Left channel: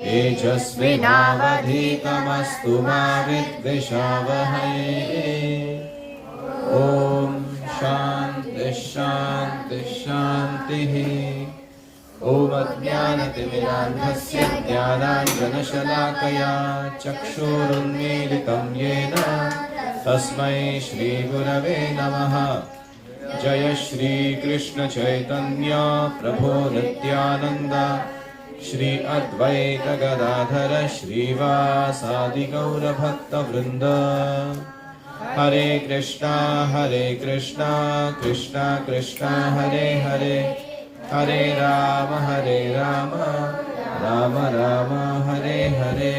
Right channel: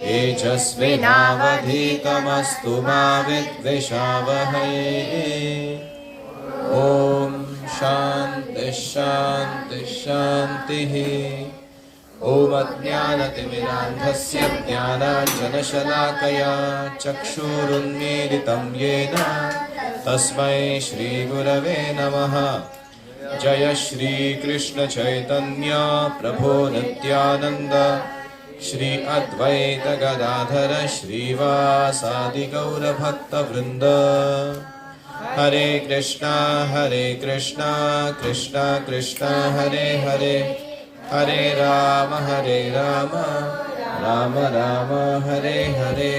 तेजस्विनावधीतमस्तु मा विद्विषावहै। ॐ शान्ति शान्ति शान्तिः। ॐ अज्ञानतिमिरान्धस्य ज्ञानाञ्जनशलाकया चक्षुरुन्मीलितं येन तस्मै श्रीगुरवे नमः। जय श्री कृष्ण चैतन्य प्रभो नित्यानंद श्री अद्वैत गदाधर श्रीवासादि गौर भक्त वृंद। हरे कृष्णा कृष्णा कृष्णा हरे हरे, हरे राम राम राम हरे हरे।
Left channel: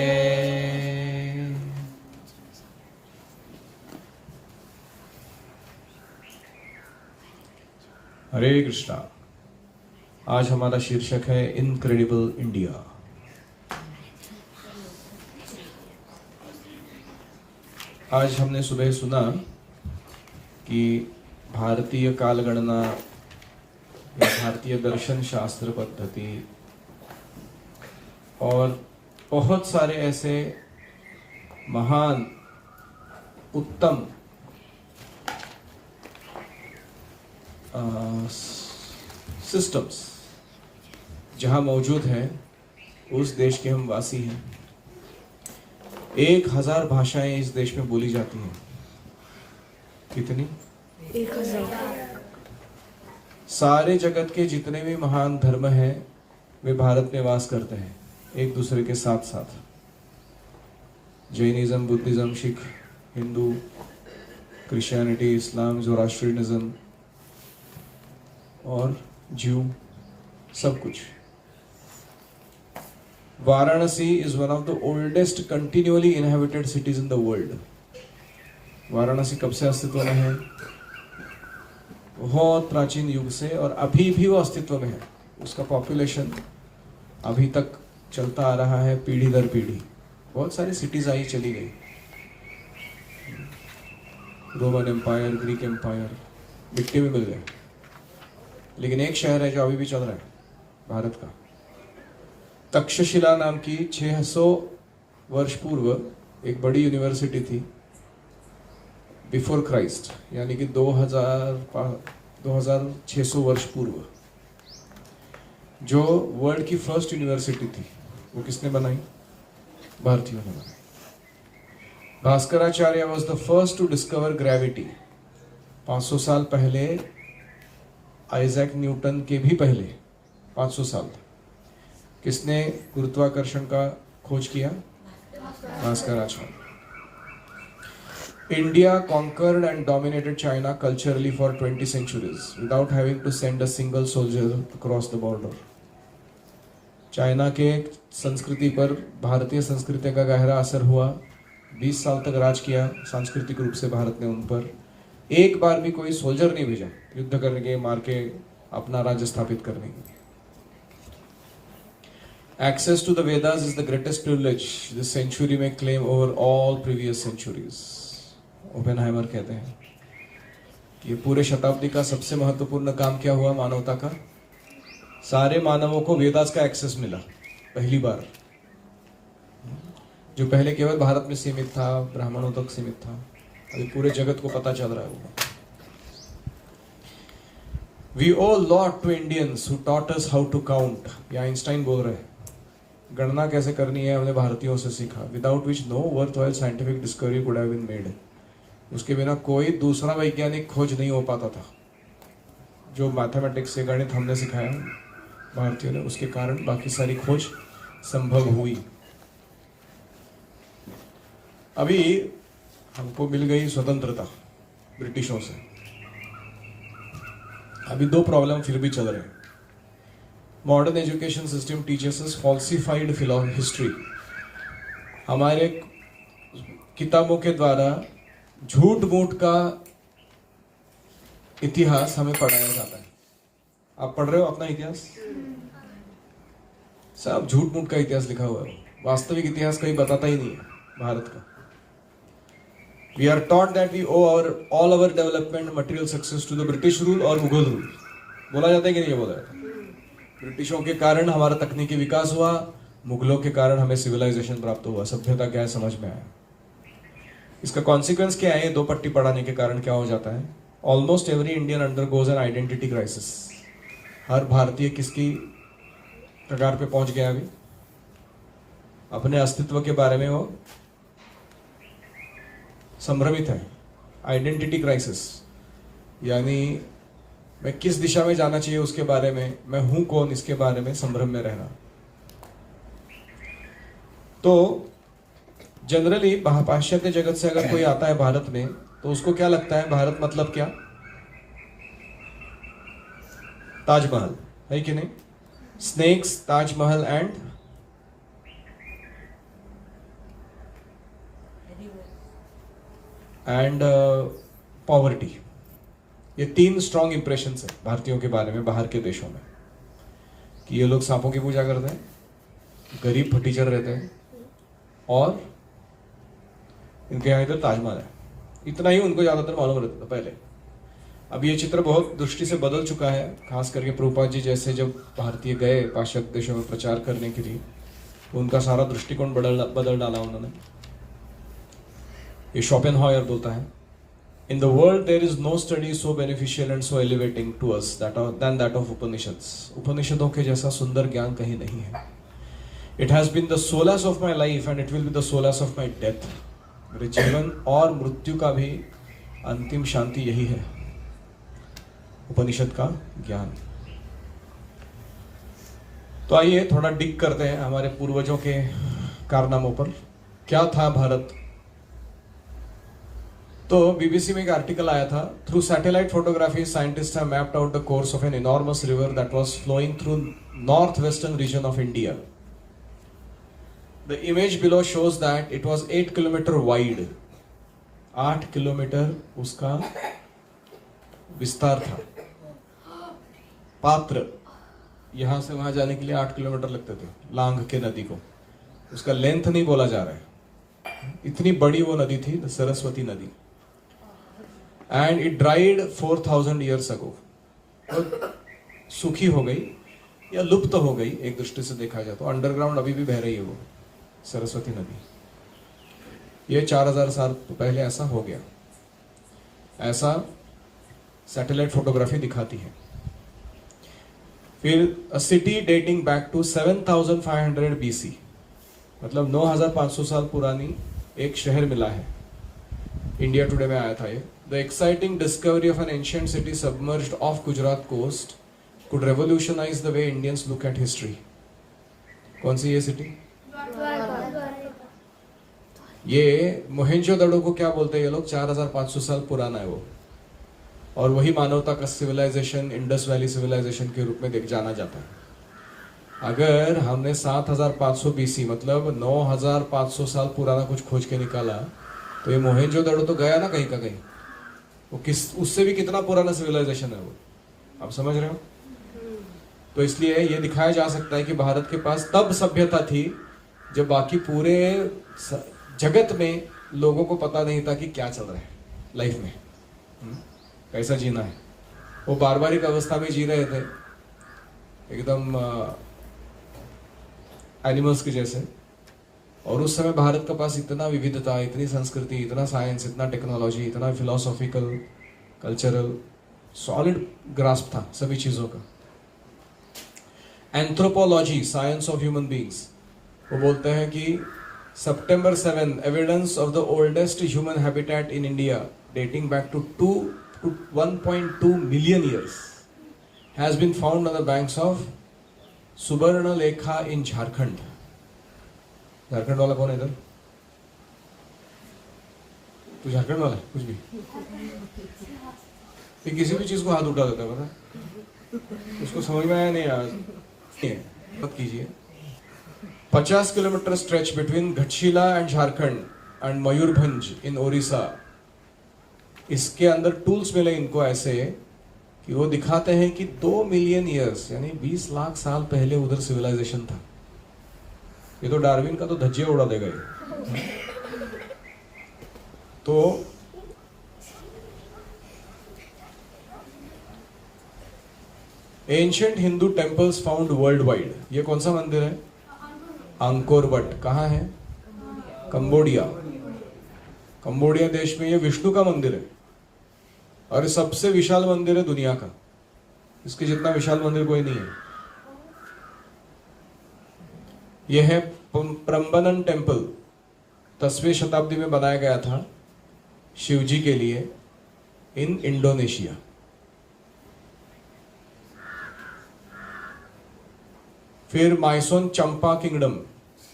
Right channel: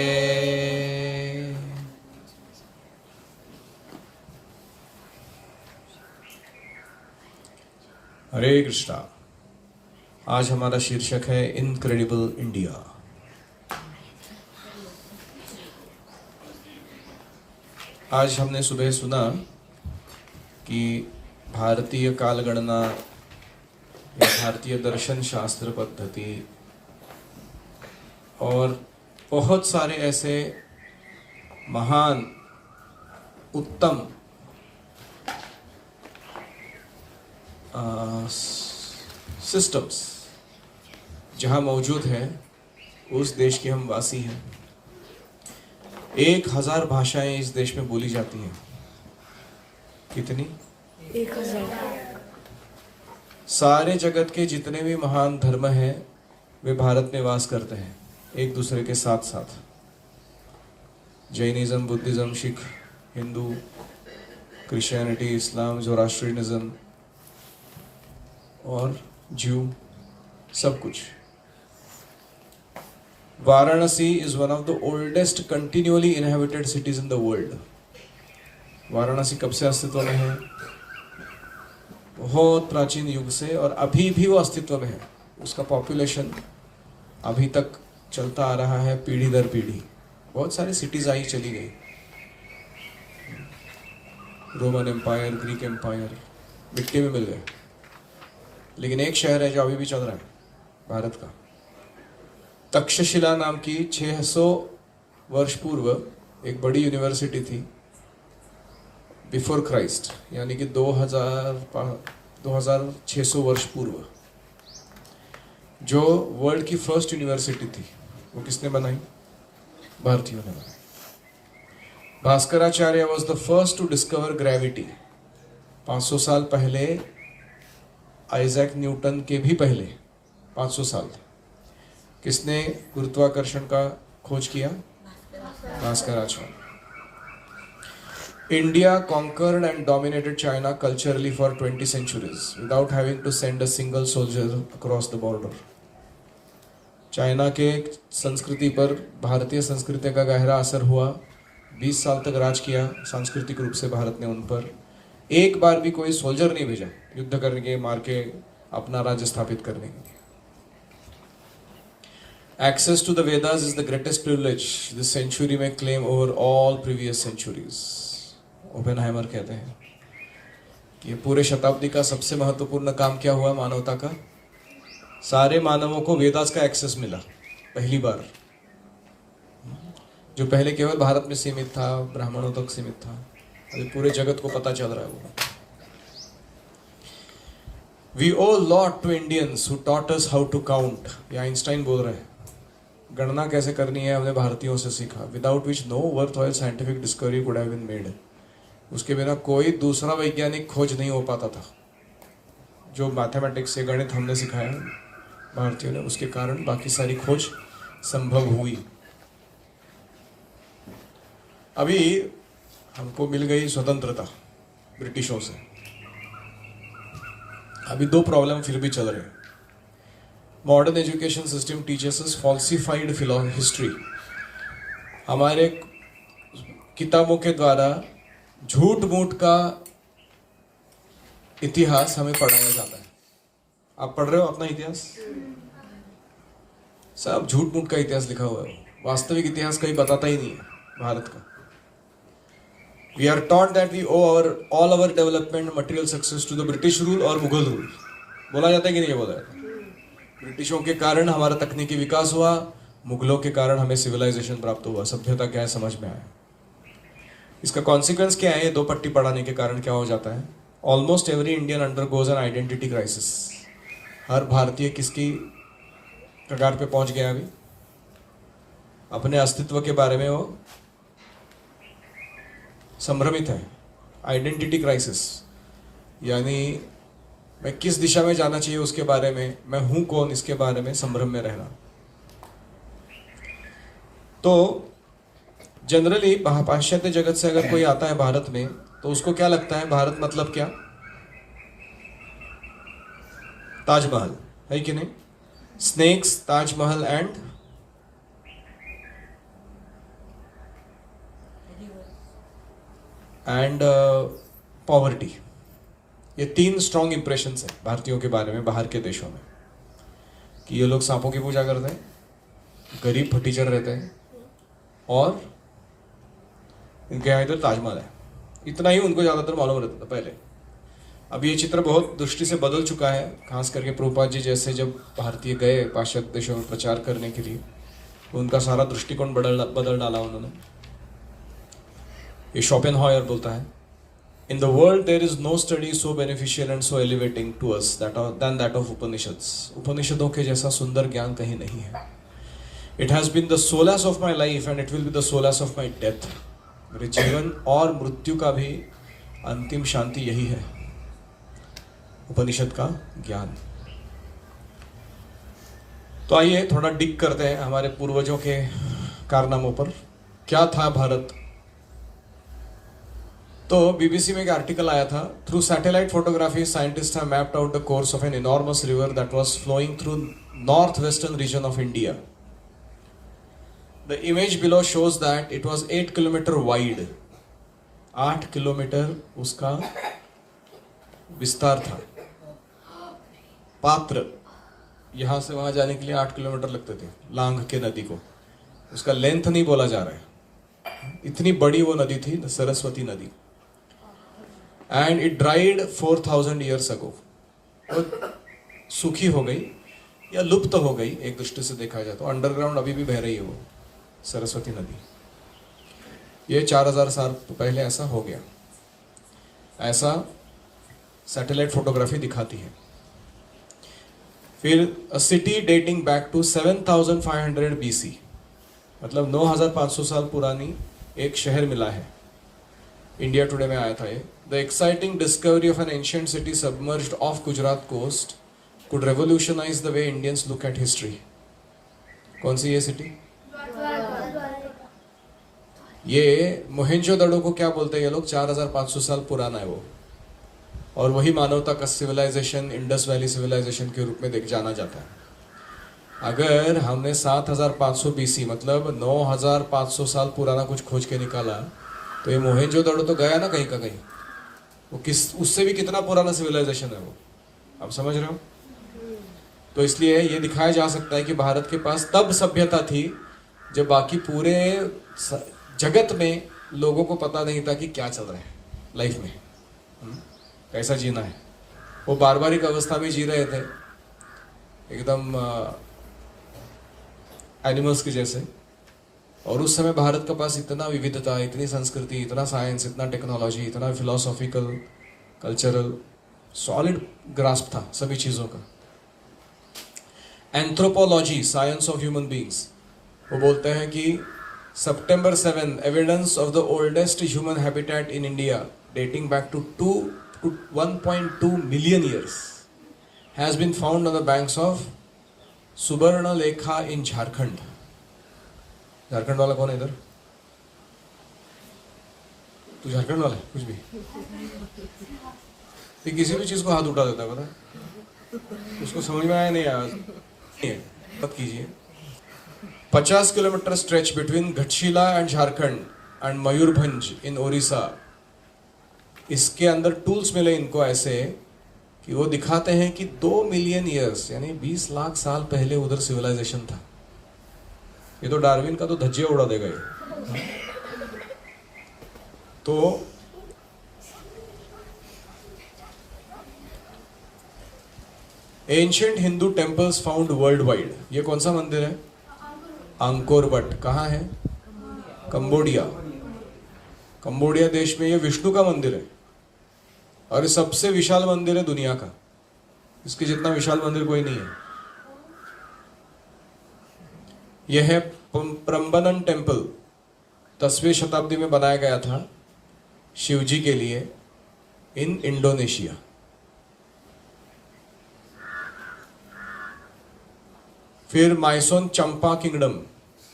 हरे कृष्णा। आज हमारा शीर्षक है इनक्रेडिबल इंडिया। आज हमने सुबह सुना कि भारतीय कालगणना या भारतीय दर्शन शास्त्र पद्धति और बहुत सारे ऐसे महान उत्तम सिस्टम्स जहाँ मौजूद हैं, उस देश के हम वासी हैं। 1000 भाषाएं इस देश में बोली जाती हैं। कितनी? 1000। सारे जगत के जितने भी महान धर्म हैं वे भारत में वास करते हैं, एक दूसरे के साथ साथ। Jainism, Buddhism, Sikh, Hindu, Christianity, इस्लाम, ज़ोरास्ट्रियनिज्म और ज्यू, सब कुछ। Varanasi is one of the oldest continuously inhabited cities in the world. Varanasi कब से अस्तित्व में है? बहुत प्राचीन युग से, और अभी भी वो अस्तित्व में है। उसका पॉपुलेशन अभी तक चलता आ रहा है, पीढ़ी दर पीढ़ी। बहुत सारी सिटीज आई चली गई, रोमन एम्पायर, ग्रीक एम्पायर मिट्टी में मिल गए, लेकिन एक शहर है जो अभी भी चल रहा है भारत का। तक्षशिला नाम की 600 वर्ष पूर्व एक बड़ी यूनिवर्सिटी थी, बिफोर क्राइस्ट, यानी कि 2600 वर्ष पूर्व, जो वर्ल्ड की फर्स्ट यूनिवर्सिटी थी। वो किसने बनाई? भारतीयों ने बनाई। Bhaskaracharya was the first to discover gravity. 500 साल पहले, आइजैक न्यूटन के भी पहले 500 साल किसने गुरुत्वाकर्षण का खोज किया? Bhaskaracharya. India conquered and dominated China culturally for 20 centuries without having to send a single soldier across the border. China के संस्कृति पर भारतीय संस्कृति का गहरा असर हुआ। 20 साल तक राज किया सांस्कृतिक रूप से भारत ने उन पर। एक बार भी कोई सोल्जर नहीं भेजा युद्ध करने के, मार के अपना राज्य स्थापित करने के लिए। Access to the Vedas is the greatest privilege this century may claim over all previous centuries. Oppenheimer कहते हैं कि ये पूरे शताब्दी का सबसे महत्वपूर्ण काम क्या हुआ मानवता का? सारे मानवों को वेदास का एक्सेस मिला पहली बार, जो पहले केवल भारत में सीमित था, ब्राह्मणों तक सीमित था। अभी पूरे जगत को पता चल रहा है। We owe a lot to Indians who taught us how to count. ये आइंस्टाइन बोल रहे हैं, गणना कैसे करनी है हमने भारतीयों से सीखा। Without which no worthwhile scientific discovery could have been made. उसके बिना कोई दूसरा वैज्ञानिक खोज नहीं हो पाता था। जो मैथमेटिक्स से गणित हमने सिखाया भारतीयों ने, उसके कारण बाकी सारी खोज संभव हुई। अभी हमको मिल गई स्वतंत्रता ब्रिटिशों से। अभी 2 प्रॉब्लम फिर भी चल रहे हैं। मॉडर्न एजुकेशन सिस्टम टीचर्स अस फॉल्सिफाइड हिस्ट्री। हमारे किताबों के द्वारा झूठ मूठ का इतिहास हमें पढ़ाया जाता है। आप पढ़ रहे हो अपना इतिहास? सब झूठ मूठ का इतिहास लिखा हुआ है, वास्तविक इतिहास कोई बताता ही नहीं है भारत का। We are taught that we owe all our development and material success to the British rule और मुगल रूल। बोला जाता है कि नहीं बोला जाता? ब्रिटिशों के कारण हमारा तकनीकी विकास हुआ, मुगलों के कारण हमें सिविलाइजेशन प्राप्त हुआ, सभ्यता क्या है समझ में आया। इसका कॉन्सिक्वेंस क्या है? दो पट्टी पढ़ाने के कारण क्या हो जाता है? Almost every Indian undergoes an identity crisis. हर भारतीय किसकी कगार पे पहुंच गया अभी? अपने अस्तित्व के बारे में वो संभ्रमित है। आइडेंटिटी क्राइसिस यानी मैं किस दिशा में जाना चाहिए उसके बारे में, मैं हूं कौन इसके बारे में संभ्रम में रहना। तो जनरली पाश्चात्य जगत से अगर कोई आता है भारत में तो उसको क्या लगता है? भारत मतलब क्या? ताजमहल, है कि नहीं? Snakes, Taj Mahal and poverty. ये तीन स्ट्रॉन्ग इंप्रेशंस है भारतीयों के बारे में बाहर के देशों में, कि ये लोग सांपों की पूजा करते हैं, गरीब फटीचर रहते हैं और इनके यहाँ इधर ताजमहल है। इतना ही उनको ज्यादातर मालूम रहता था पहले। अब ये चित्र बहुत दृष्टि से बदल चुका है, खास करके प्रभुपाद जी जैसे जब भारतीय गए पाश्चात्य देशों में प्रचार करने के लिए तो उनका सारा दृष्टिकोण बदल डाला उन्होंने। ये शोपेनहॉयर बोलता है, In the world there is no study so beneficial and so elevating to us than that of Upanishads. उपनिषदों के जैसा सुंदर ज्ञान कहीं नहीं है। It has been the solace of my life and it will be the solace of my death. मेरे जीवन और मृत्यु का भी अंतिम शांति यही है, उपनिषद का ज्ञान। तो आइए थोड़ा डिग करते हैं हमारे पूर्वजों के कारनामों पर। क्या था भारत? तो बीबीसी में एक आर्टिकल आया था, through satellite photography scientist have mapped out the course of an enormous river that was flowing through north western region of India. The image below shows that it was 8 kilometre wide. 8 kilometre उसका विस्तार था। पात्र, यहां से वहां जाने के लिए 8 किलोमीटर लगते थे लांग के नदी को। उसका लेंथ नहीं बोला जा रहा है, इतनी बड़ी वो नदी थी, सरस्वती नदी। And it dried 4000 years ago. सूखी हो गई या लुप्त हो गई एक दृष्टि से देखा जाए तो। अंडरग्राउंड अभी भी बह रही है वो सरस्वती नदी। ये 4000 साल पहले ऐसा हो गया, ऐसा सैटेलाइट फोटोग्राफी दिखाती है। फिर a city dating back to 7500 BC, मतलब 9500 साल पुरानी एक शहर मिला है। इंडिया टुडे में आया था ये। The exciting discovery of an ancient city submerged off Gujarat coast could revolutionise the way Indians look at history. कौन सी ये सिटी? ये मोहेंजोदड़ो को क्या बोलते हैं ये लोग? 4500 साल पुराना है वो, और वही मानवता का सिविलाइजेशन इंडस वैली सिविलाइजेशन के रूप में जाना जाता है। अगर हमने 7500 BC मतलब 9500 साल पुराना कुछ खोज के निकाला तो ये मोहेंजोदड़ो तो गया ना कहीं का कहीं। वो उससे भी कितना पुराना सिविलाइजेशन है वो, आप समझ रहे हो? तो इसलिए ये दिखाया जा सकता है कि भारत के पास तब सभ्यता थी जब बाकी पूरे जगत में लोगों को पता नहीं था कि क्या चल रहा है लाइफ में, कैसा जीना है। वो बारबारिक अवस्था में जी रहे थे एकदम एनिमल्स के जैसे। और उस समय भारत के पास इतना विविधता, इतनी संस्कृति, इतना साइंस, इतना टेक्नोलॉजी, इतना फिलोसॉफिकल, कल्चरल सॉलिड ग्रास्प था सभी चीजों का। Anthropology, science of human beings, वो बोलते हैं कि September 7, evidence of the oldest human habitat in India, dating back to 1.2 million years, has been found on the banks of Subarnalekha in Jharkhand. Jharkhand वाला कौन है इधर? तू झारखंड वाला है? कुछ भी ये किसी भी चीज को हाथ उठा देता है, पता है? उसको समझ में आया नहीं आया, मत कीजिए। 50 kilometre stretch between Ghatshila and Jharkhand and Mayurbhanj in Odisha. इसके अंदर टूल्स मिले इनको ऐसे कि वो दिखाते हैं कि 2 मिलियन ईयर्स यानी 20 लाख साल पहले उधर सिविलाइजेशन था। ये तो डार्विन का तो धज्जियां उड़ा देगा ये। तो ancient Hindu temples found world wide. ये कौन सा मंदिर है? अंकोर वट कहाँ है? कंबोडिया। कंबोडिया देश में ये विष्णु का मंदिर है और ये सबसे विशाल मंदिर है दुनिया का। इसके जितना विशाल मंदिर कोई नहीं है। यह है प्रम्बनन टेम्पल, 10वीं शताब्दी में बनाया गया था शिवजी के लिए इन इंडोनेशिया। फिर माइसोन चंपा किंगडम,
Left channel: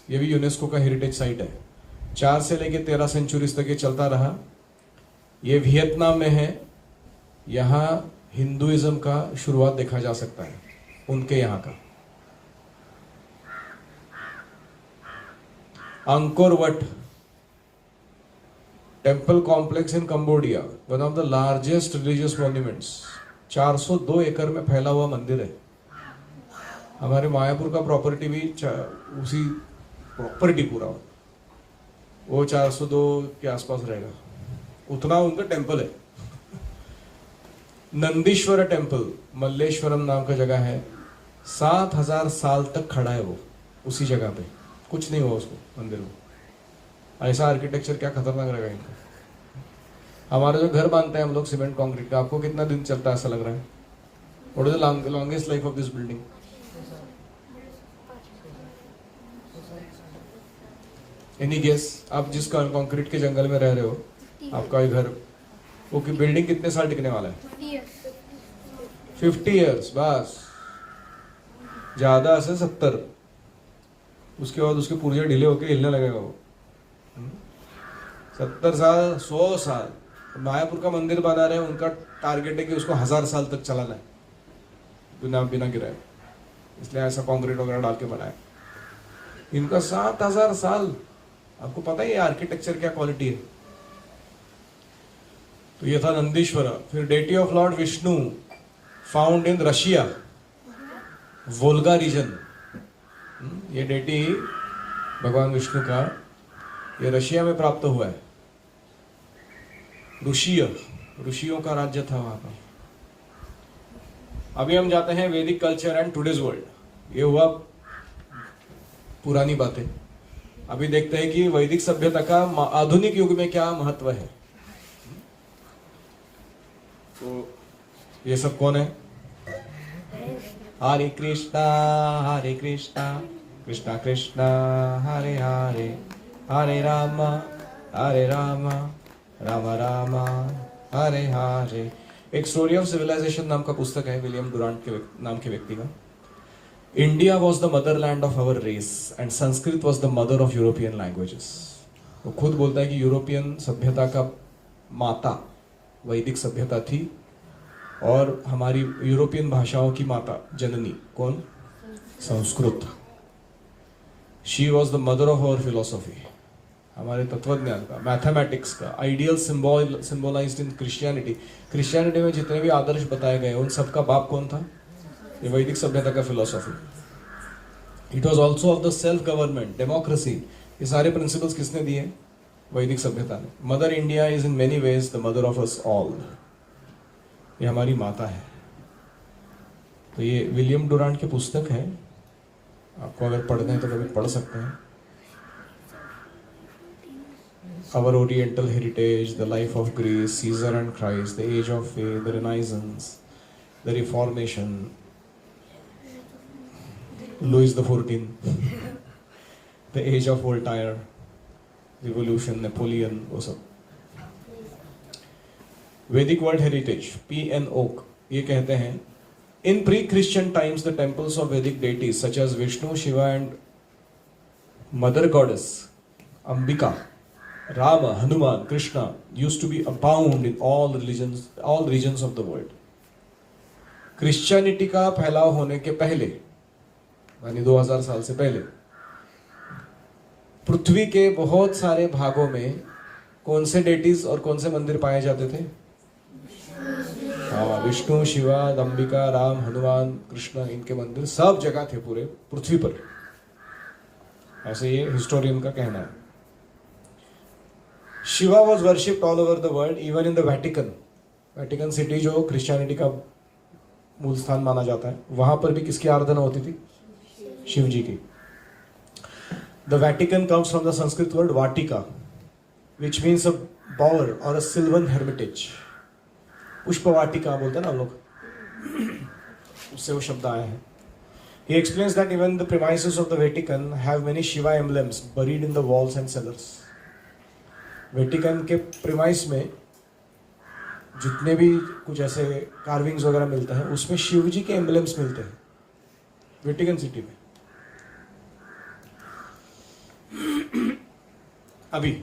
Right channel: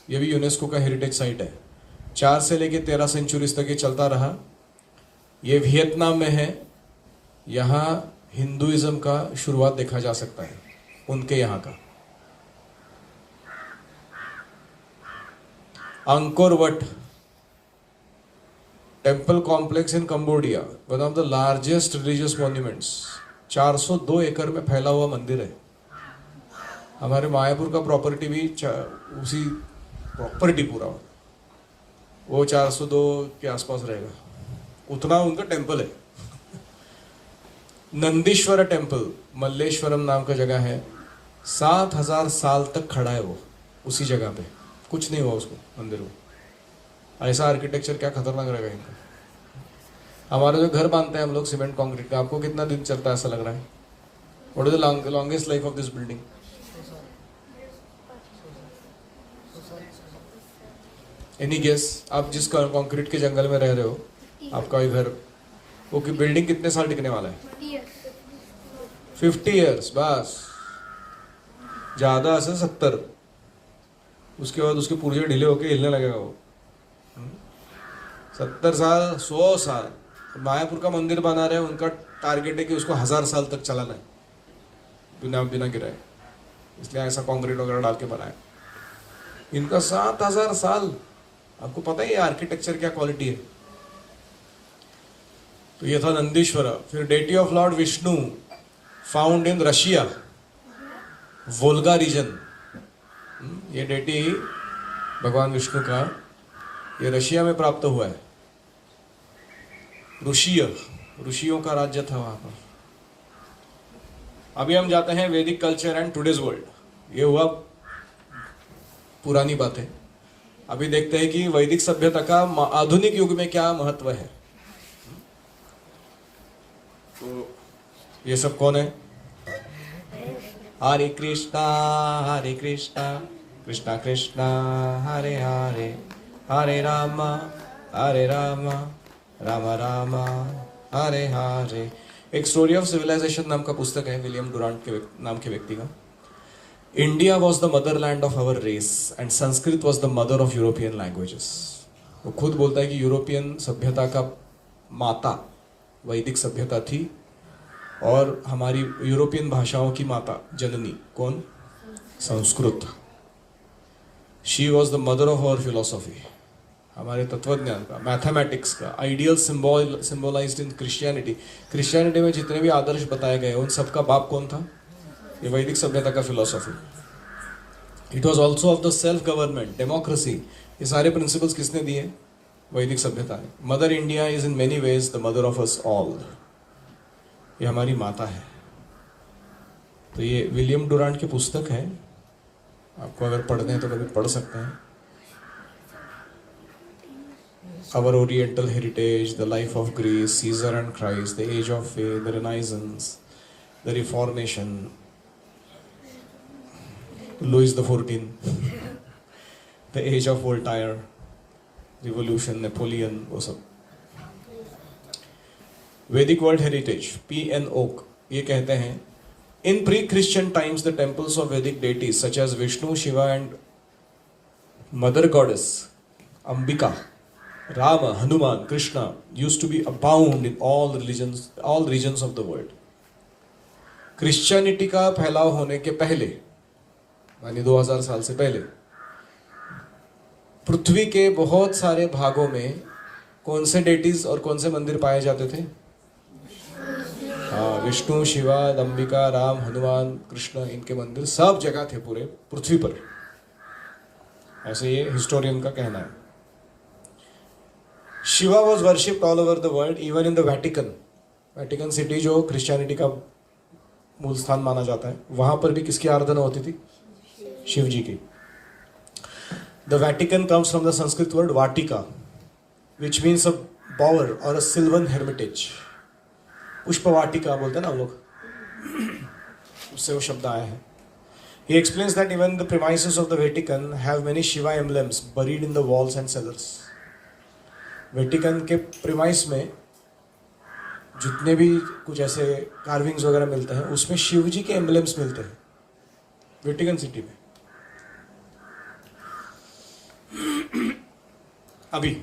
ये भी यूनेस्को का हेरिटेज साइट है। 4 से लेकर 13 सेंचुरीज तक ये चलता रहा। ये वियतनाम में है। यहाँ हिंदुइज्म का शुरुआत देखा जा सकता है, उनके यहाँ का। Angkor what temple complex in Cambodia, one of the largest religious monuments. 402 एकड़ में फैला हुआ मंदिर है। हमारे मायापुर का प्रॉपर्टी भी उसी प्रॉपर्टी पूरा वो 402 के आसपास रहेगा, उतना उनका टेम्पल है। नंदीश्वर टेम्पल, मल्लेश्वरम नाम का जगह है। 7000 साल तक खड़ा है वो उसी जगह पे, कुछ नहीं हुआ उसको मंदिर में। ऐसा आर्किटेक्चर क्या खतरनाक रहेगा इनका। हमारा जो घर बांधते हैं हम लोग सीमेंट कंक्रीट का, आपको कितना दिन चलता है ऐसा लग रहा है? What is the longest life of this building? Any guess? आप जिस कंक्रीट के जंगल में रह रहे हो, आपका ये घर, वो की बिल्डिंग कितने साल टिकने वाला है? 50 ईयर्स बस, ज्यादा से 70। उसके बाद उसके पुर्जे ढीले होके हिलने लगेगा वो। 70 साल, 100 साल। मायापुर का मंदिर बना रहे हैं, उनका टारगेट है कि उसको 1000 साल तक चलाना है बिना बिना गिराए, इसलिए ऐसा कंक्रीट वगैरह डाल के बनाया। इनका 7000 साल। आपको पता है ये आर्किटेक्चर क्या क्वालिटी है? तो ये था नंदीश्वर। फिर deity of lord Vishnu found in Russia, Volga region. ये डेटी भगवान विष्णु का ये रशिया में प्राप्त हुआ है। ऋषियों का राज्य था वहां पर। अभी हम जाते हैं वैदिक कल्चर एंड टुडेज वर्ल्ड। ये हुआ पुरानी बातें। अभी देखते हैं कि वैदिक सभ्यता का आधुनिक युग में क्या महत्व है। तो ये सब कौन है? हरे कृष्णा कृष्णा कृष्णा हरे हरे, हरे राम राम राम हरे हरे। एक स्टोरी ऑफ सिविलाइजेशन नाम का पुस्तक है विलियम डुरांट के नाम के व्यक्ति का। India was the motherland of our race and Sanskrit was the mother of European languages. वो खुद बोलता है कि यूरोपियन सभ्यता का माता वैदिक सभ्यता थी और हमारी यूरोपियन भाषाओं की माता जननी कौन? Sanskrit. She was the mother of our philosophy, हमारे तत्वज्ञान का, मैथमेटिक्स का। Ideal symbolized in Christianity. Christianity में जितने भी आदर्श बताए गए उन सबका बाप कौन था? ये वैदिक सभ्यता का philosophy. It was also of the self government, democracy. ये सारे प्रिंसिपल्स किसने दिए? वैदिक सभ्यता ने। Mother India is in many ways the mother of us all. ये हमारी माता है। तो ये विलियम डुरांट की पुस्तक है, आपको अगर पढ़ना है तो कभी पढ़ सकते हैं। Our Oriental heritage, the life of Greece, Caesar and Christ, the age of faith, the Renaissance, the Reformation, Louis XIV, the age of Voltaire, Revolution, Napoleon, वो सब। Vedic World Heritage, PNO, ये कहते हैं in pre-Christian times the temples of Vedic deities such as Vishnu, Shiva and Mother Goddess Ambika, Rama, Hanuman, Krishna used to be abound in all regions of the world. Christianity का फैलाव होने के पहले, यानी 2000 साल से पहले, पृथ्वी के बहुत सारे भागों में कौन से डेटीज और कौन से मंदिर पाए जाते थे? विष्णु, शिवा, अंबिका, राम, हनुमान, कृष्ण, इनके मंदिर सब जगह थे पूरे पृथ्वी पर। ऐसे ये हिस्टोरियन का कहना है। Shiva was worshipped all over the world, even in the Vatican city जो क्रिश्चियनिटी का मूल स्थान माना जाता है, वहां पर भी किसकी आराधना होती थी? शिव जी की। The Vatican comes from the Sanskrit word Vatika, which means a bower or a sylvan hermitage. पुष्पवाटिका बोलते हैं ना लोग, उससे वो शब्द आया है. He explains that even the premises of the Vatican have many Shiva emblems buried in the walls and cellars. Vatican के प्रीमाइस में जितने भी कुछ ऐसे कार्विंग्स वगैरह मिलते हैं उसमें शिव जी के एम्बलेम्स मिलते हैं वेटिकन सिटी में. अभी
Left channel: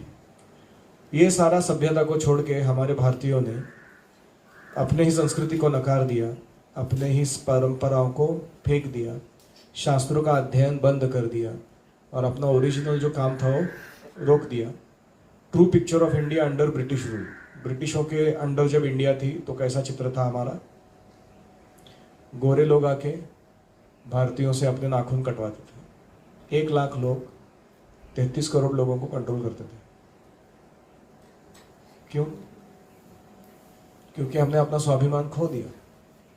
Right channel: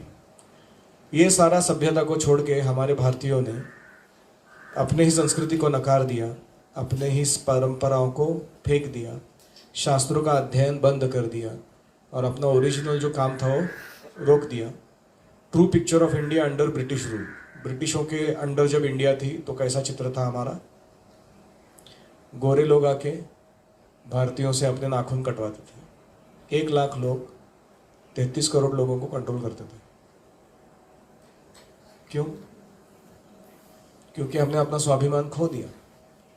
ये सारा सभ्यता को छोड़ के हमारे भारतीयों ने अपने ही संस्कृति को नकार दिया, अपने ही परंपराओं को फेंक दिया, शास्त्रों का अध्ययन बंद कर दिया और अपना ओरिजिनल जो काम था वो रोक दिया. True picture of India under British rule. ब्रिटिशों के अंडर जब इंडिया थी तो कैसा चित्र था हमारा? गोरे लोग आके भारतीयों से अपने नाखून कटवाते थे. 1 लाख लोग 33 करोड़ लोगों को कंट्रोल करते थे. क्यों? क्योंकि हमने अपना स्वाभिमान खो दिया.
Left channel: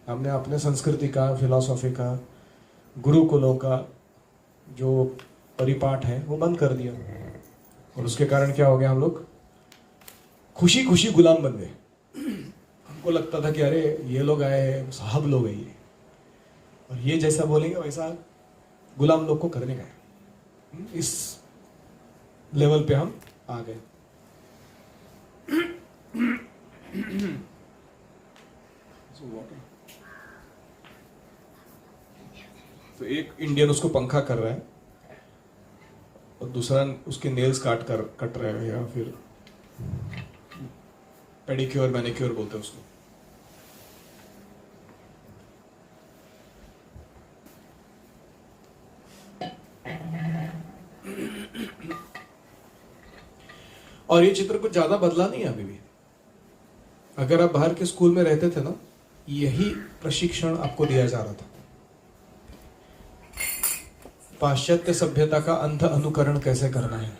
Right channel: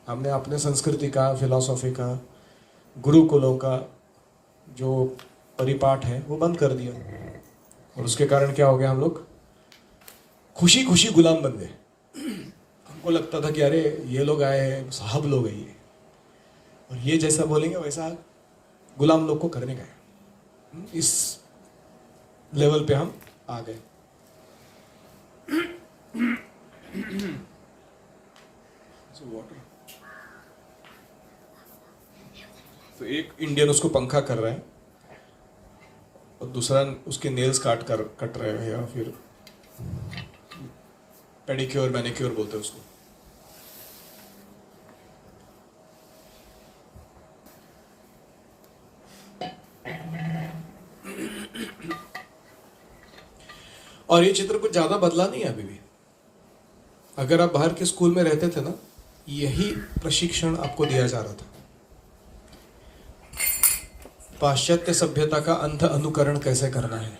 हमने अपने संस्कृति का, फिलॉसफी का, गुरुकुलों का जो परिपाठ है वो बंद कर दिया और उसके कारण क्या हो गया? हम लोग खुशी खुशी गुलाम बन गए. हमको लगता था कि अरे ये लोग आए हैं, साहब लोग हैं ये, और ये जैसा बोलेंगे वैसा गुलाम लोग को करने गए. इस लेवल पे हम आ गए. तो एक इंडियन उसको पंखा कर रहा है और दूसरा उसके नेल्स कट रहे हैं, या फिर पेडिक्योर मैनिक्योर बोलते हैं उसको. और ये चित्र कुछ ज्यादा बदला नहीं है अभी भी. अगर आप बाहर के स्कूल में रहते थे ना, यही प्रशिक्षण आपको दिया जा रहा था. पाश्चात्य सभ्यता का अंध अनुकरण कैसे करना है.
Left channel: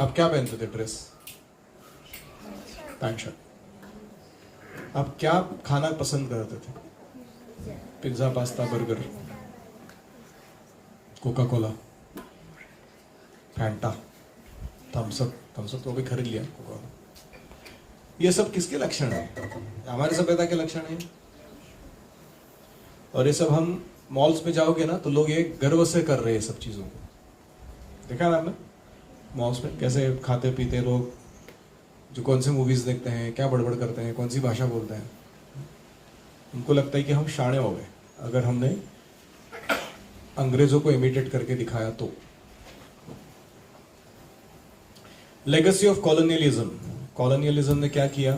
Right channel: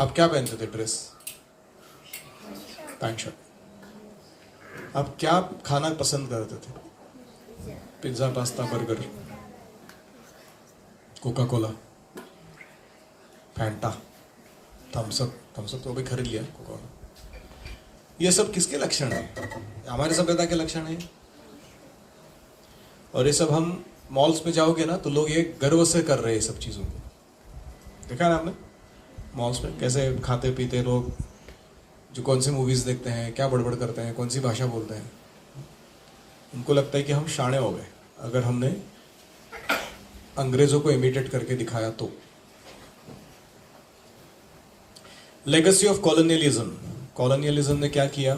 आप क्या पहनते थे? Dress, pant shirt. आप क्या खाना पसंद करते थे? Pizza, pasta, burger, Coca Cola, Fanta, Thums Up तो भी खरीद लिया. कोका कोला, ये सब किसके लक्षण है? हमारे सभ्यता के लक्षण है. और ये सब हम मॉल्स में जाओगे ना तो लोग ये गर्व से कर रहे हैं सब चीजों को. देखा ना आपने मॉल्स में कैसे खाते पीते लोग, जो कौन सी मूवीज देखते हैं, क्या बड़बड़ करते हैं, कौन सी भाषा बोलते हैं. उनको लगता है कि हम शाणे हो गए अगर हमने अंग्रेजों को इमिटेट करके दिखाया तो. Legacy of colonialism. कॉलोनियलिज्म ने क्या किया?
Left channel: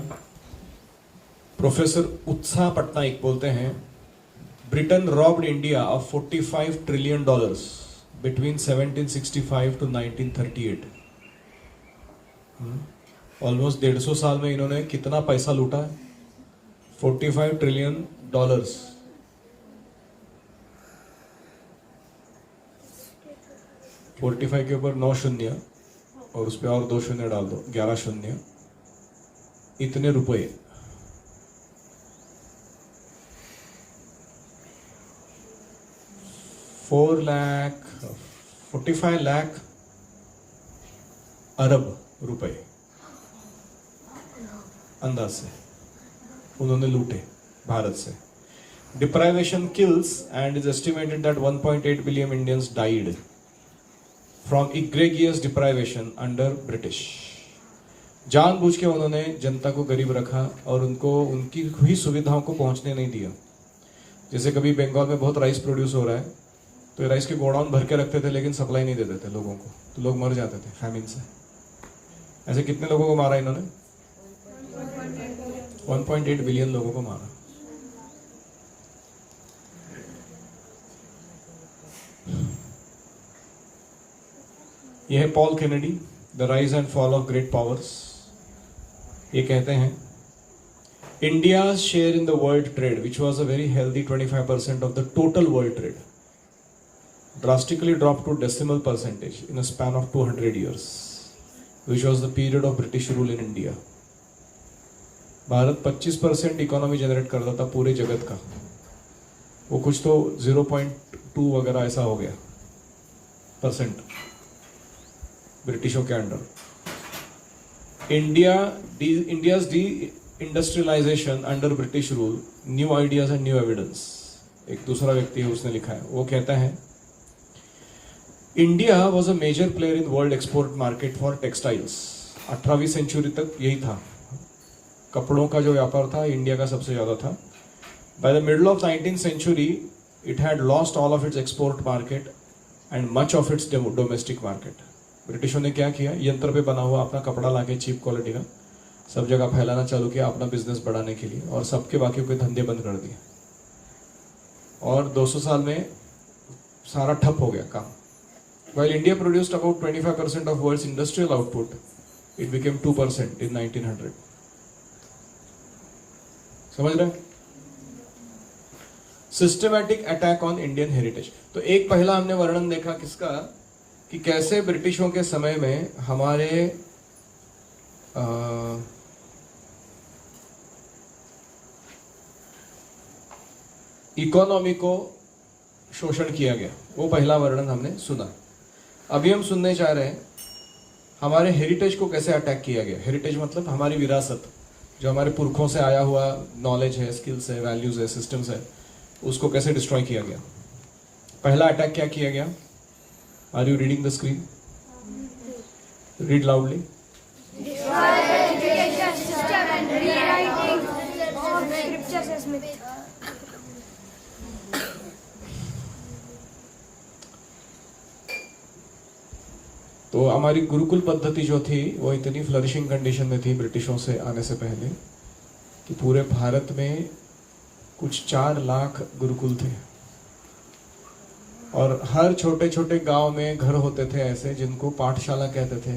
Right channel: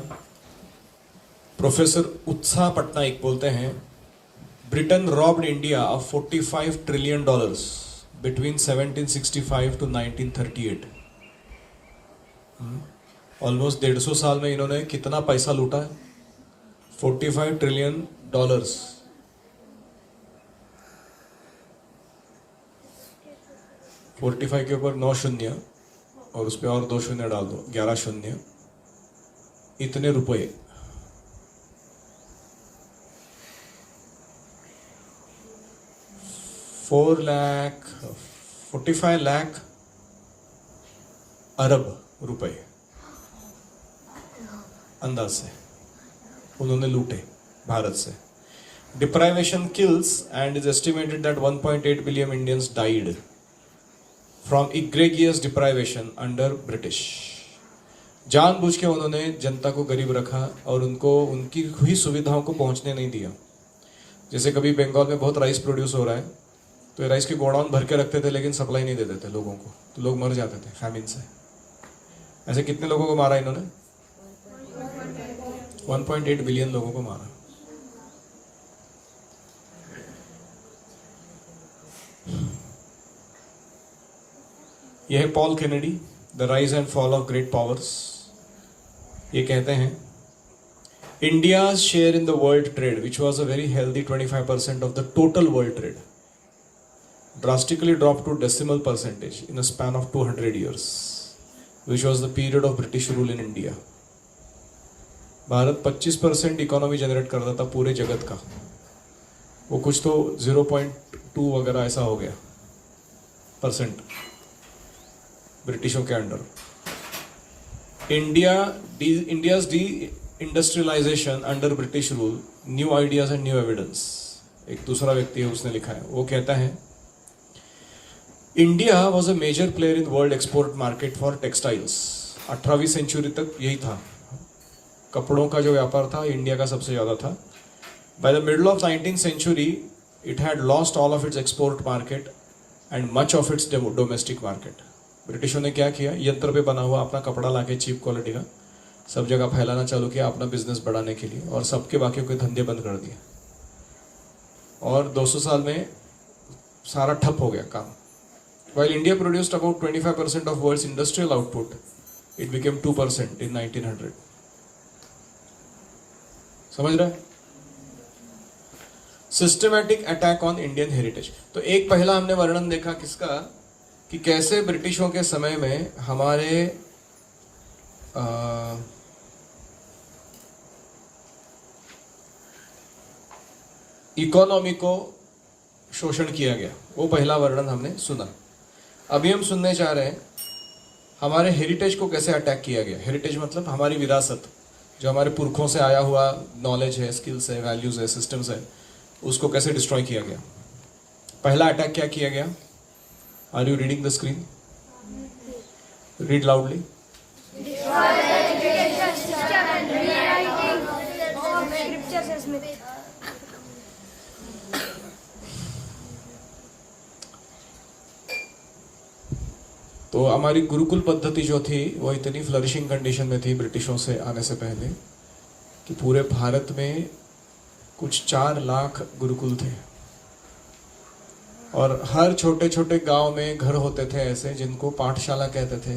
प्रोफेसर उत्साह पटनायक बोलते हैं, Britain robbed India of $45 trillion between 1765 to 1938. Almost 150 साल में इन्होंने कितना पैसा लूटा है? $45 ट्रिलियन. 45 के ऊपर 9 शून्य और उस पर और 2 शून्य डाल दो, 11 शून्य. इतने रुपए. $45 लाख अरब रुपए अंदाज से उन्होंने लूटे भारत से. Deprivation kills and is estimated that 1.8 billion Indians died from egregious deprivation under British. जानबूझ के उन्होंने जनता को गरीब रखा और उनको उनकी हुई सुविधाओं को पहुंचने नहीं दिया. जैसे कभी बंगाल में बहुत राइस प्रोड्यूस हो रहा है तो राइस के गोडाउन भर के रखते थे लेकिन सप्लाई नहीं देते थे लोगों को, तो लोग मर जाते थे फैमिन से. ऐसे कितने लोगों को मारा इन्होंने? 1.8 बिलियन लोगों को मारा. यह है Paul Kennedy, the rise and fall of great powers. ये कहते हैं, India's share in the world trade which was a very healthy 25% of the total world trade drastically dropped to decimal percentage in a span of 200 years, which was the period of British rule in India. Bharat 25% economy generate करता था पूरे जगत का, वो कुछ तो 0.2 वगैरह ऐसा हो गया. परसेंट ब्रिटिशों के under. India's deindustrialisation under British rule, new ideas and new evidence. एक दूसरा व्यक्ति है, उसने लिखा है, वो कहता है India was a major player in world export market for textiles. 18वीं सेंचुरी तक यही था, कपड़ों का जो व्यापार था इंडिया का सबसे ज्यादा था। By the middle of 19th century it had lost all of its export market and much of its domestic market. ब्रिटिशों ने क्या किया, यंत्र पे बना हुआ अपना कपड़ा लाके चीप क्वालिटी का सब जगह फैलाना चालू किया अपना बिजनेस बढ़ाने के लिए, और सबके बाकी के धंधे बंद कर दिए, और 200 साल में सारा ठप हो गया काम। While India produced about 25% of world's industrial output, it became 2% in 1900. समझ रहे? Systematic attack on Indian heritage. तो एक पहला हमने वर्णन देखा किसका, कि कैसे ब्रिटिशों के समय में हमारे इकोनॉमी को शोषण किया गया, वो पहला वर्णन हमने सुना। अभी हम सुनने जा रहे हैं हमारे हेरिटेज को कैसे अटैक किया गया। हेरिटेज मतलब हमारी विरासत, जो हमारे पुरखों से आया हुआ नॉलेज है, स्किल्स है, वैल्यूज है, सिस्टम्स है, उसको कैसे डिस्ट्रॉय किया गया। पहला अटैक क्या किया गया? Are you reading the screen? Read loudly. तो हमारी गुरुकुल पद्धति जो थी वो इतनी फ्लरिशिंग कंडीशन में थी ब्रिटिशों से आने से पहले कि पूरे भारत में कुछ 4 लाख गुरुकुल थे, और हर छोटे छोटे गांव में घर होते थे ऐसे जिनको पाठशाला कहते थे।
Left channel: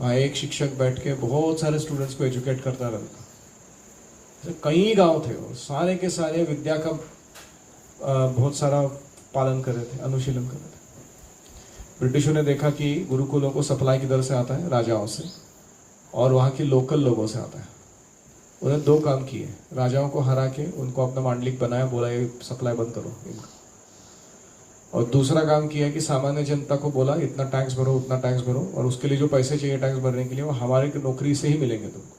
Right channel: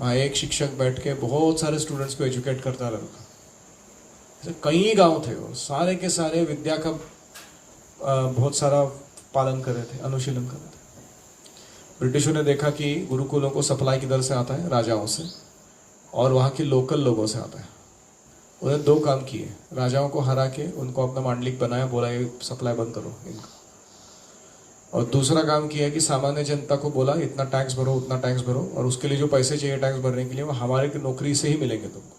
वहाँ एक शिक्षक बैठ के बहुत सारे स्टूडेंट्स को एजुकेट करता रहता था। कई गांव थे और सारे के सारे विद्या का बहुत सारा पालन कर रहे थे, अनुशीलन कर रहे थे। ब्रिटिशों ने देखा कि गुरुकुलों को सप्लाई किधर से आता है, राजाओं से, और वहाँ के लोकल लोगों से आता है। उन्हें 2 काम किए, राजाओं को हरा के उनको अपना मांडलिक बनाया, बोला ये सप्लाई बंद करो इनका, और दूसरा काम किया कि सामान्य जनता को बोला इतना टैक्स भरो, उतना टैक्स भरो, और उसके लिए जो पैसे चाहिए टैक्स भरने के लिए वो हमारे की नौकरी से ही मिलेंगे तुमको।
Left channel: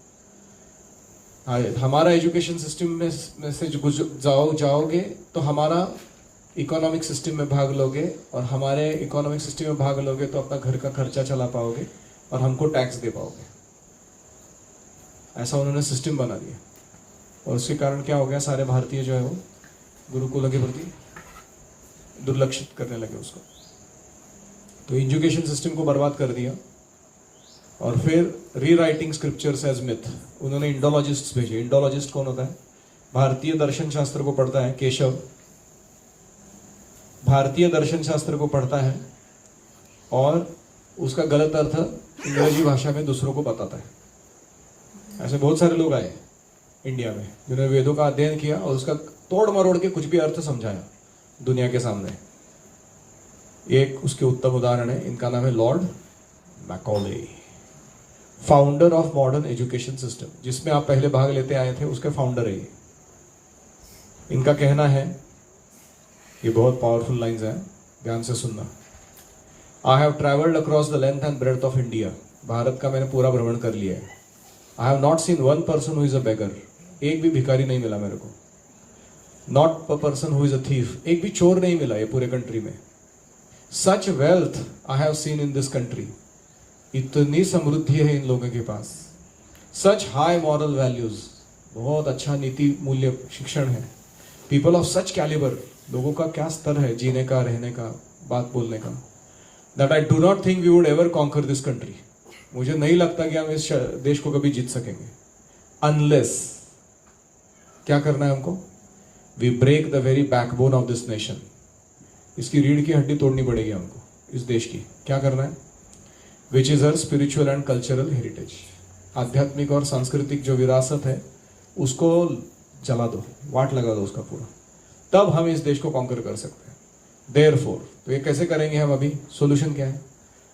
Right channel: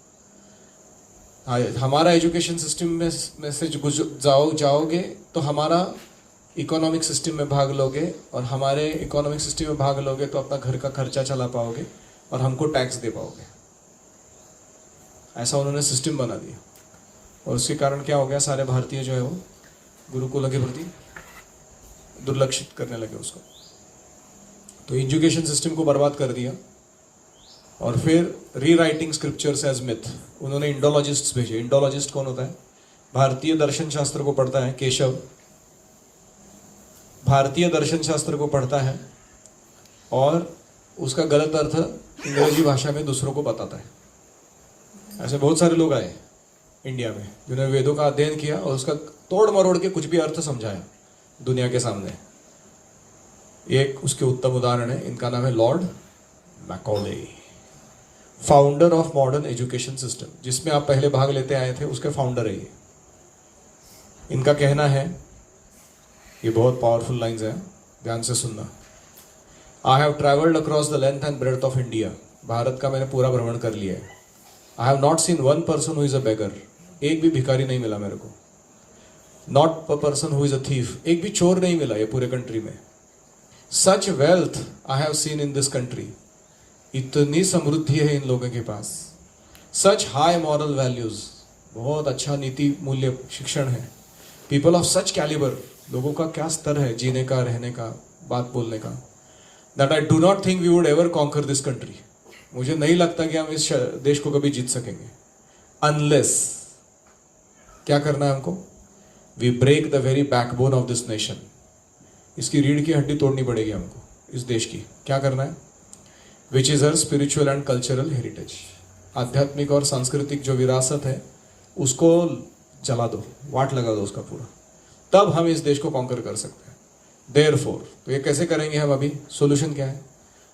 हमारा एजुकेशन सिस्टम में से जाओगे तो हमारा इकोनॉमिक सिस्टम में भाग लोगे, और हमारे इकोनॉमिक सिस्टम में भाग लोगे तो अपना घर का खर्चा चला पाओगे और हमको टैक्स दे पाओगे। ऐसा उन्होंने सिस्टम बना दिया, और उसके कारण क्या हो गया, सारे भारतीय जो है वो गुरुकुलों के प्रति दुर्लक्षित करने लगे उसको। तो एजुकेशन सिस्टम को बर्बाद कर दिया, और फिर रीराइटिंग स्क्रिप्चर्स एज मिथ उन्होंने इंडोलॉजिस्ट्स भेजे। इंडोलॉजिस्ट कौन होता है? भारतीय दर्शन शास्त्र को पढ़ता है केशव, भारतीय दर्शन शास्त्र को पढ़ता है और उसका गलत अर्थ अंग्रेजी भाषा में दूसरों को बताता है। ऐसे बहुत सारे लोग आए इंडिया में जिन्होंने वेदों का अध्ययन किया और उसका तोड़ मरोड़ के कुछ भी अर्थ समझाया दुनिया के सामने। एक उसके उत्तम उदाहरण है, इनका नाम है Lord Macaulay, founder of modern education system, जिसमें आप पहले भाग लेते आए थे, उसके फाउंडर है ये। इनका कहना है, ये बहुत पावरफुल लाइंस हैं, ध्यान से सुनना। I have travelled across the length and breadth of India, Bharat का मैंने पूरा भ्रमण कर लिया है। I have not seen one person who is a beggar, एक भी भिखारी नहीं मिला मेरे को। Not a person who is a thief, एक भी चोर नहीं मिला ये पूरे कंट्री में। Such wealth I have seen in this country, इतनी समृद्धि है इन लोगों के पास। सच हाई मॉरल वैल्यूज, बहुत अच्छा नीति मूल्य शिक्षण है। पीपल ऑफ सच कैलिबर, लोगों का क्या स्तर है जीने का, रहने का, बात बोलने का। That I do not think we would ever conquer this country, मुझे नहीं लगता कि हम इस देश को कभी जीत सकेंगे। अनलेस, क्या करना है हमको? We break the very backbone of this nation, इसकी रीढ़ की हड्डी तोड़नी पड़ेगी हमको इस देश की। क्या करना है? Which is her spiritual and cultural heritage, आध्यात्मिक और सांस्कृतिक जो विरासत है उसको जला दो, वाट लगा दो उसका पूरा, तब हम इस देश को कॉन्कर कर सकते हैं। देयरफॉर, तो ये कैसे करेंगे हम? अभी सोल्यूशन क्या है?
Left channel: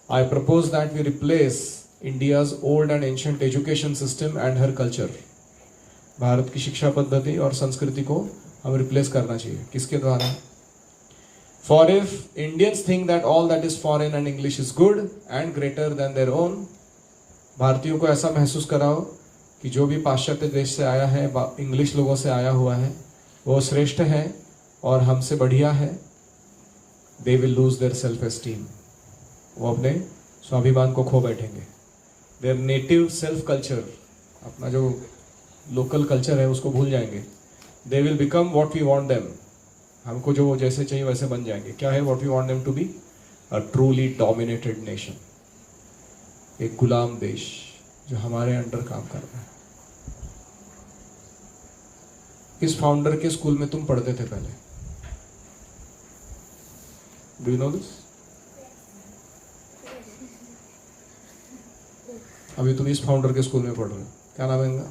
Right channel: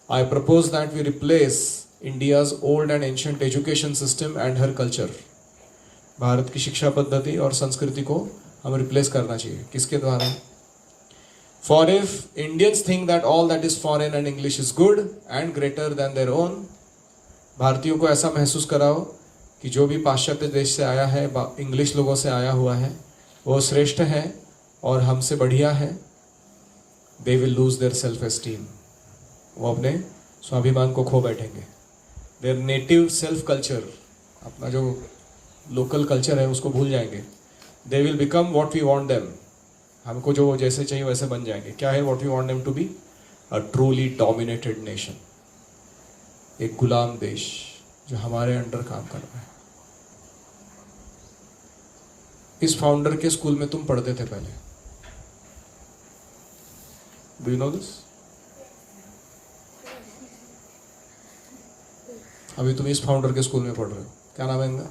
I propose that we replace India's old and ancient education system and her culture, Bharat की शिक्षा पद्धति और संस्कृति को हम रिप्लेस करना चाहिए। किसके द्वारा? For if Indians think that all that is foreign and English is good and greater than their own, भारतीयों को ऐसा महसूस कराओ कि जो भी पाश्चात्य देश से आया है, इंग्लिश लोगों से आया हुआ है, वो श्रेष्ठ है और हमसे बढ़िया है, they will lose their self esteem. वो अपने स्वाभिमान को खो बैठेंगे. Their native self culture, अपना जो लोकल कल्चर है उसको भूल जाएंगे. They will become what we want them. हमको जो जैसे चाहिए वैसे बन जाएंगे. क्या है what we want them to be? A truly dominated nation. एक गुलाम देश जो हमारे अंडर काम कर रहा है. इस फाउंडर के स्कूल में तुम पढ़ते थे पहले. Do you know this? अभी तुम इस फाउंडर के स्कूल में पढ़ रहे हो. क्या नाम है इनका?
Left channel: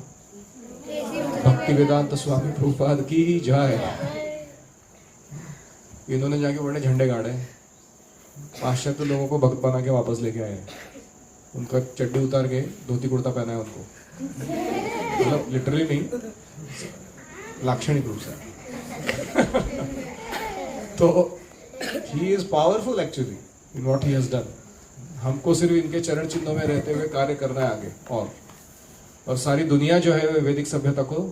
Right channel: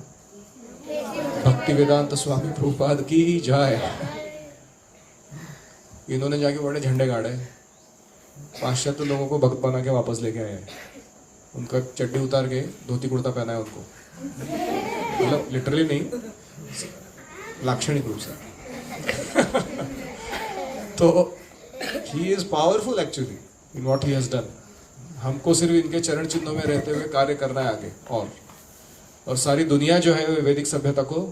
भक्ति वेदांत स्वामी प्रभुपाद की जय. इन्होंने जाके बड़े झंडे गाड़े, पाश्चात्य लोगों को भक्त बना के वापस लेके आए हैं. उनका चड्डी उतार के धोती कुर्ता पहना है उनको, मतलब लिटरली नहीं, लाक्षणिक रूप से. तो he is powerful actually in what he has done. हमको सिर्फ इनके चरण चिन्हों में रहते हुए कार्य करना है आगे, और सारी दुनिया जो है वैदिक सभ्यता को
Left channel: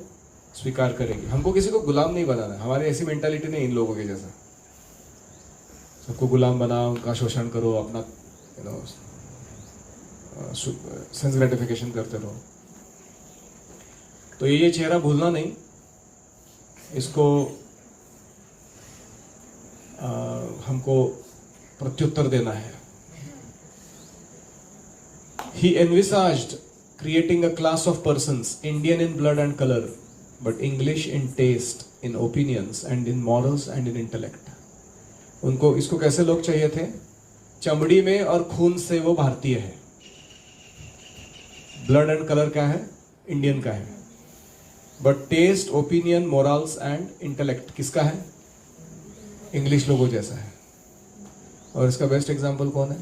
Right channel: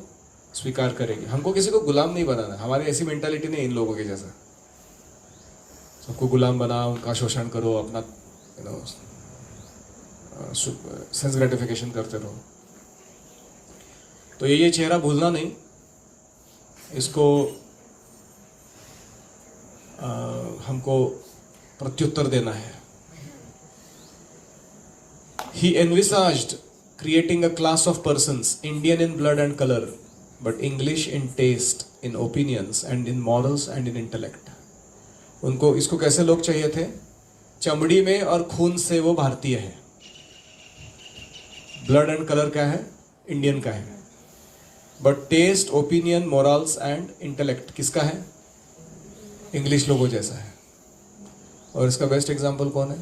स्वीकार करेगी. हमको किसी को गुलाम नहीं बनाना. हमारी ऐसी मेंटालिटी नहीं इन लोगों के जैसा. सबको गुलाम बनाओ, उनका शोषण करो, अपना सेंस ग्रेटिफिकेशन करते रहो. तो ये चेहरा भूलना नहीं. इसको हमको प्रत्युत्तर देना है. He envisaged creating a class of persons, Indian in blood and color, but English in taste, in opinions, and in morals and in intellect. उनको इसको कैसे लोग चाहिए थे? चमड़ी में और खून से वो भारतीय है. ब्लड एंड कलर क्या है? इंडियन का है. But taste, opinion, morals and intellect किसका है? इंग्लिश लोगों जैसा है. और इसका बेस्ट एग्जांपल कौन है?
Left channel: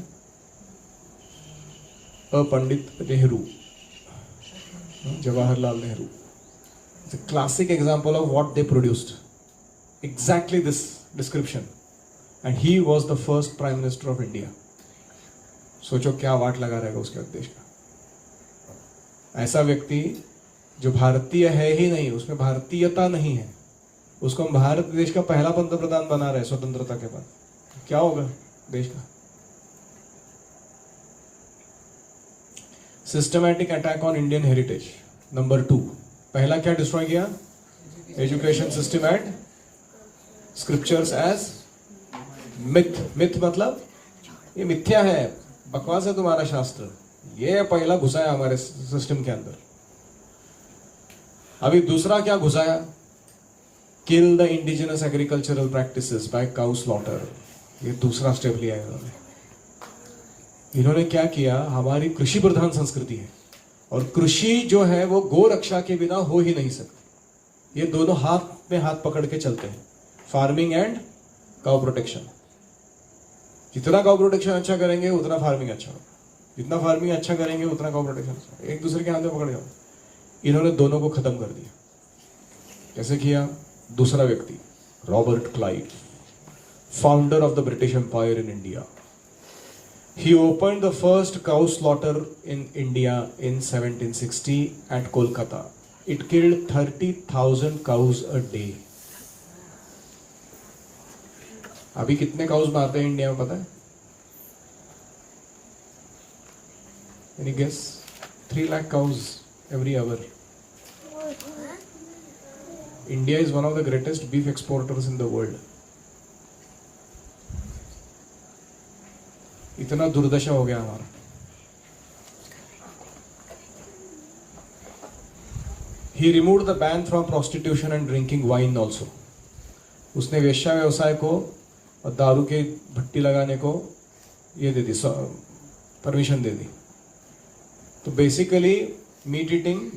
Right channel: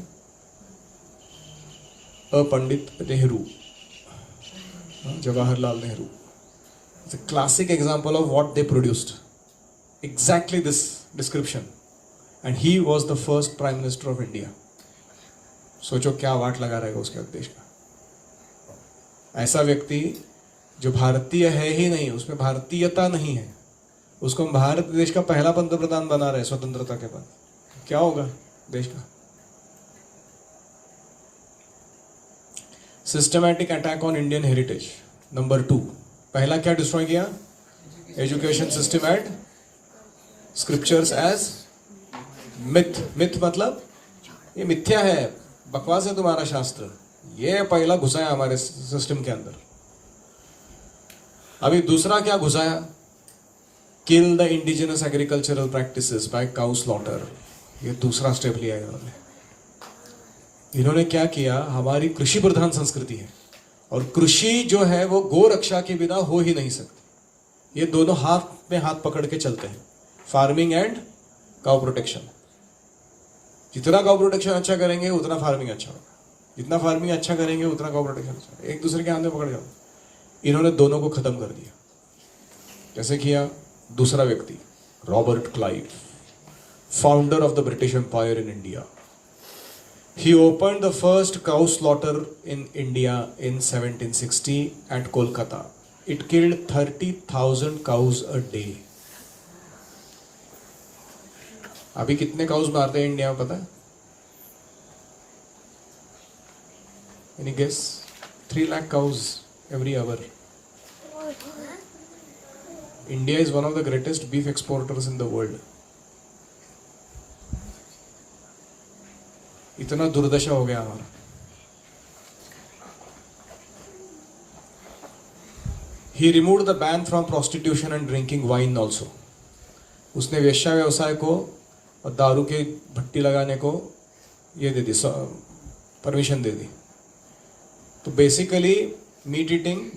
Pandit Nehru, Jawaharlal Nehru. It's a classic example of what they produced. Exactly this description. And he was the first Prime Minister of India. सोचो क्या वाट लगा रहेगा उसके देश का. ऐसा व्यक्ति जो भारतीय है ही नहीं, उसमें भारतीयता नहीं है, उसको हम भारत देश का पहला पंतप्रधान बना रहे स्वतंत्रता के बाद. क्या होगा देश का? Systematic attack on Indian heritage. Number 2, पहला क्या डिस्ट्रॉय किया? Education system at scriptures as myth. Myth मतलब ये मिथ्या है, बकवास है तुम्हारा शास्त्र. ये पहला घुसाया हमारे सिस्टम के अंदर. अभी दूसरा क्या घुसाया? Kill the indigenous agricultural practices by cow slaughter. ये दूसरा स्टेप लिया इन्होंने. इन्होंने क्या किया? हमारी कृषि प्रधान संस्कृति है और कृषि जो है वो गो रक्षा के बिना हो ही नहीं सकती. ये दोनों हाथ में हाथ पकड़ के चलते हैं, फार्मिंग एंड काउ प्रोटेक्शन. जितना काउ प्रोटेक्शन अच्छा करेंगे उतना फार्मिंग अच्छा होगा, जितना फार्मिंग अच्छा करेंगे उतना काउ प्रोटेक्शन अच्छा. एक दूसरे के हाथ में पकड़ जाओ. इन्होंने दोनों को खत्म कर दिया. कैसे किया? दूसरा व्यक्ति Robert Clive, founder of the British empire in India. He opened the first cow slaughter in India in 1760 at Kolkata. It killed 30,000 cows a day. अभी कितने काउस मारते हैं इंडिया में पता है? Any guess? 3 lakh cows every hour. India is one of the greatest beef exporters in the world. इतना दुर्दशा हो गया हमारा. He removed the ban from prostitution and drinking wine also. उसने वेश्या व्यवसाय को और दारू के भट्टी लगाने को ये दे दी, परमिशन दे दी. तो basically meat eating,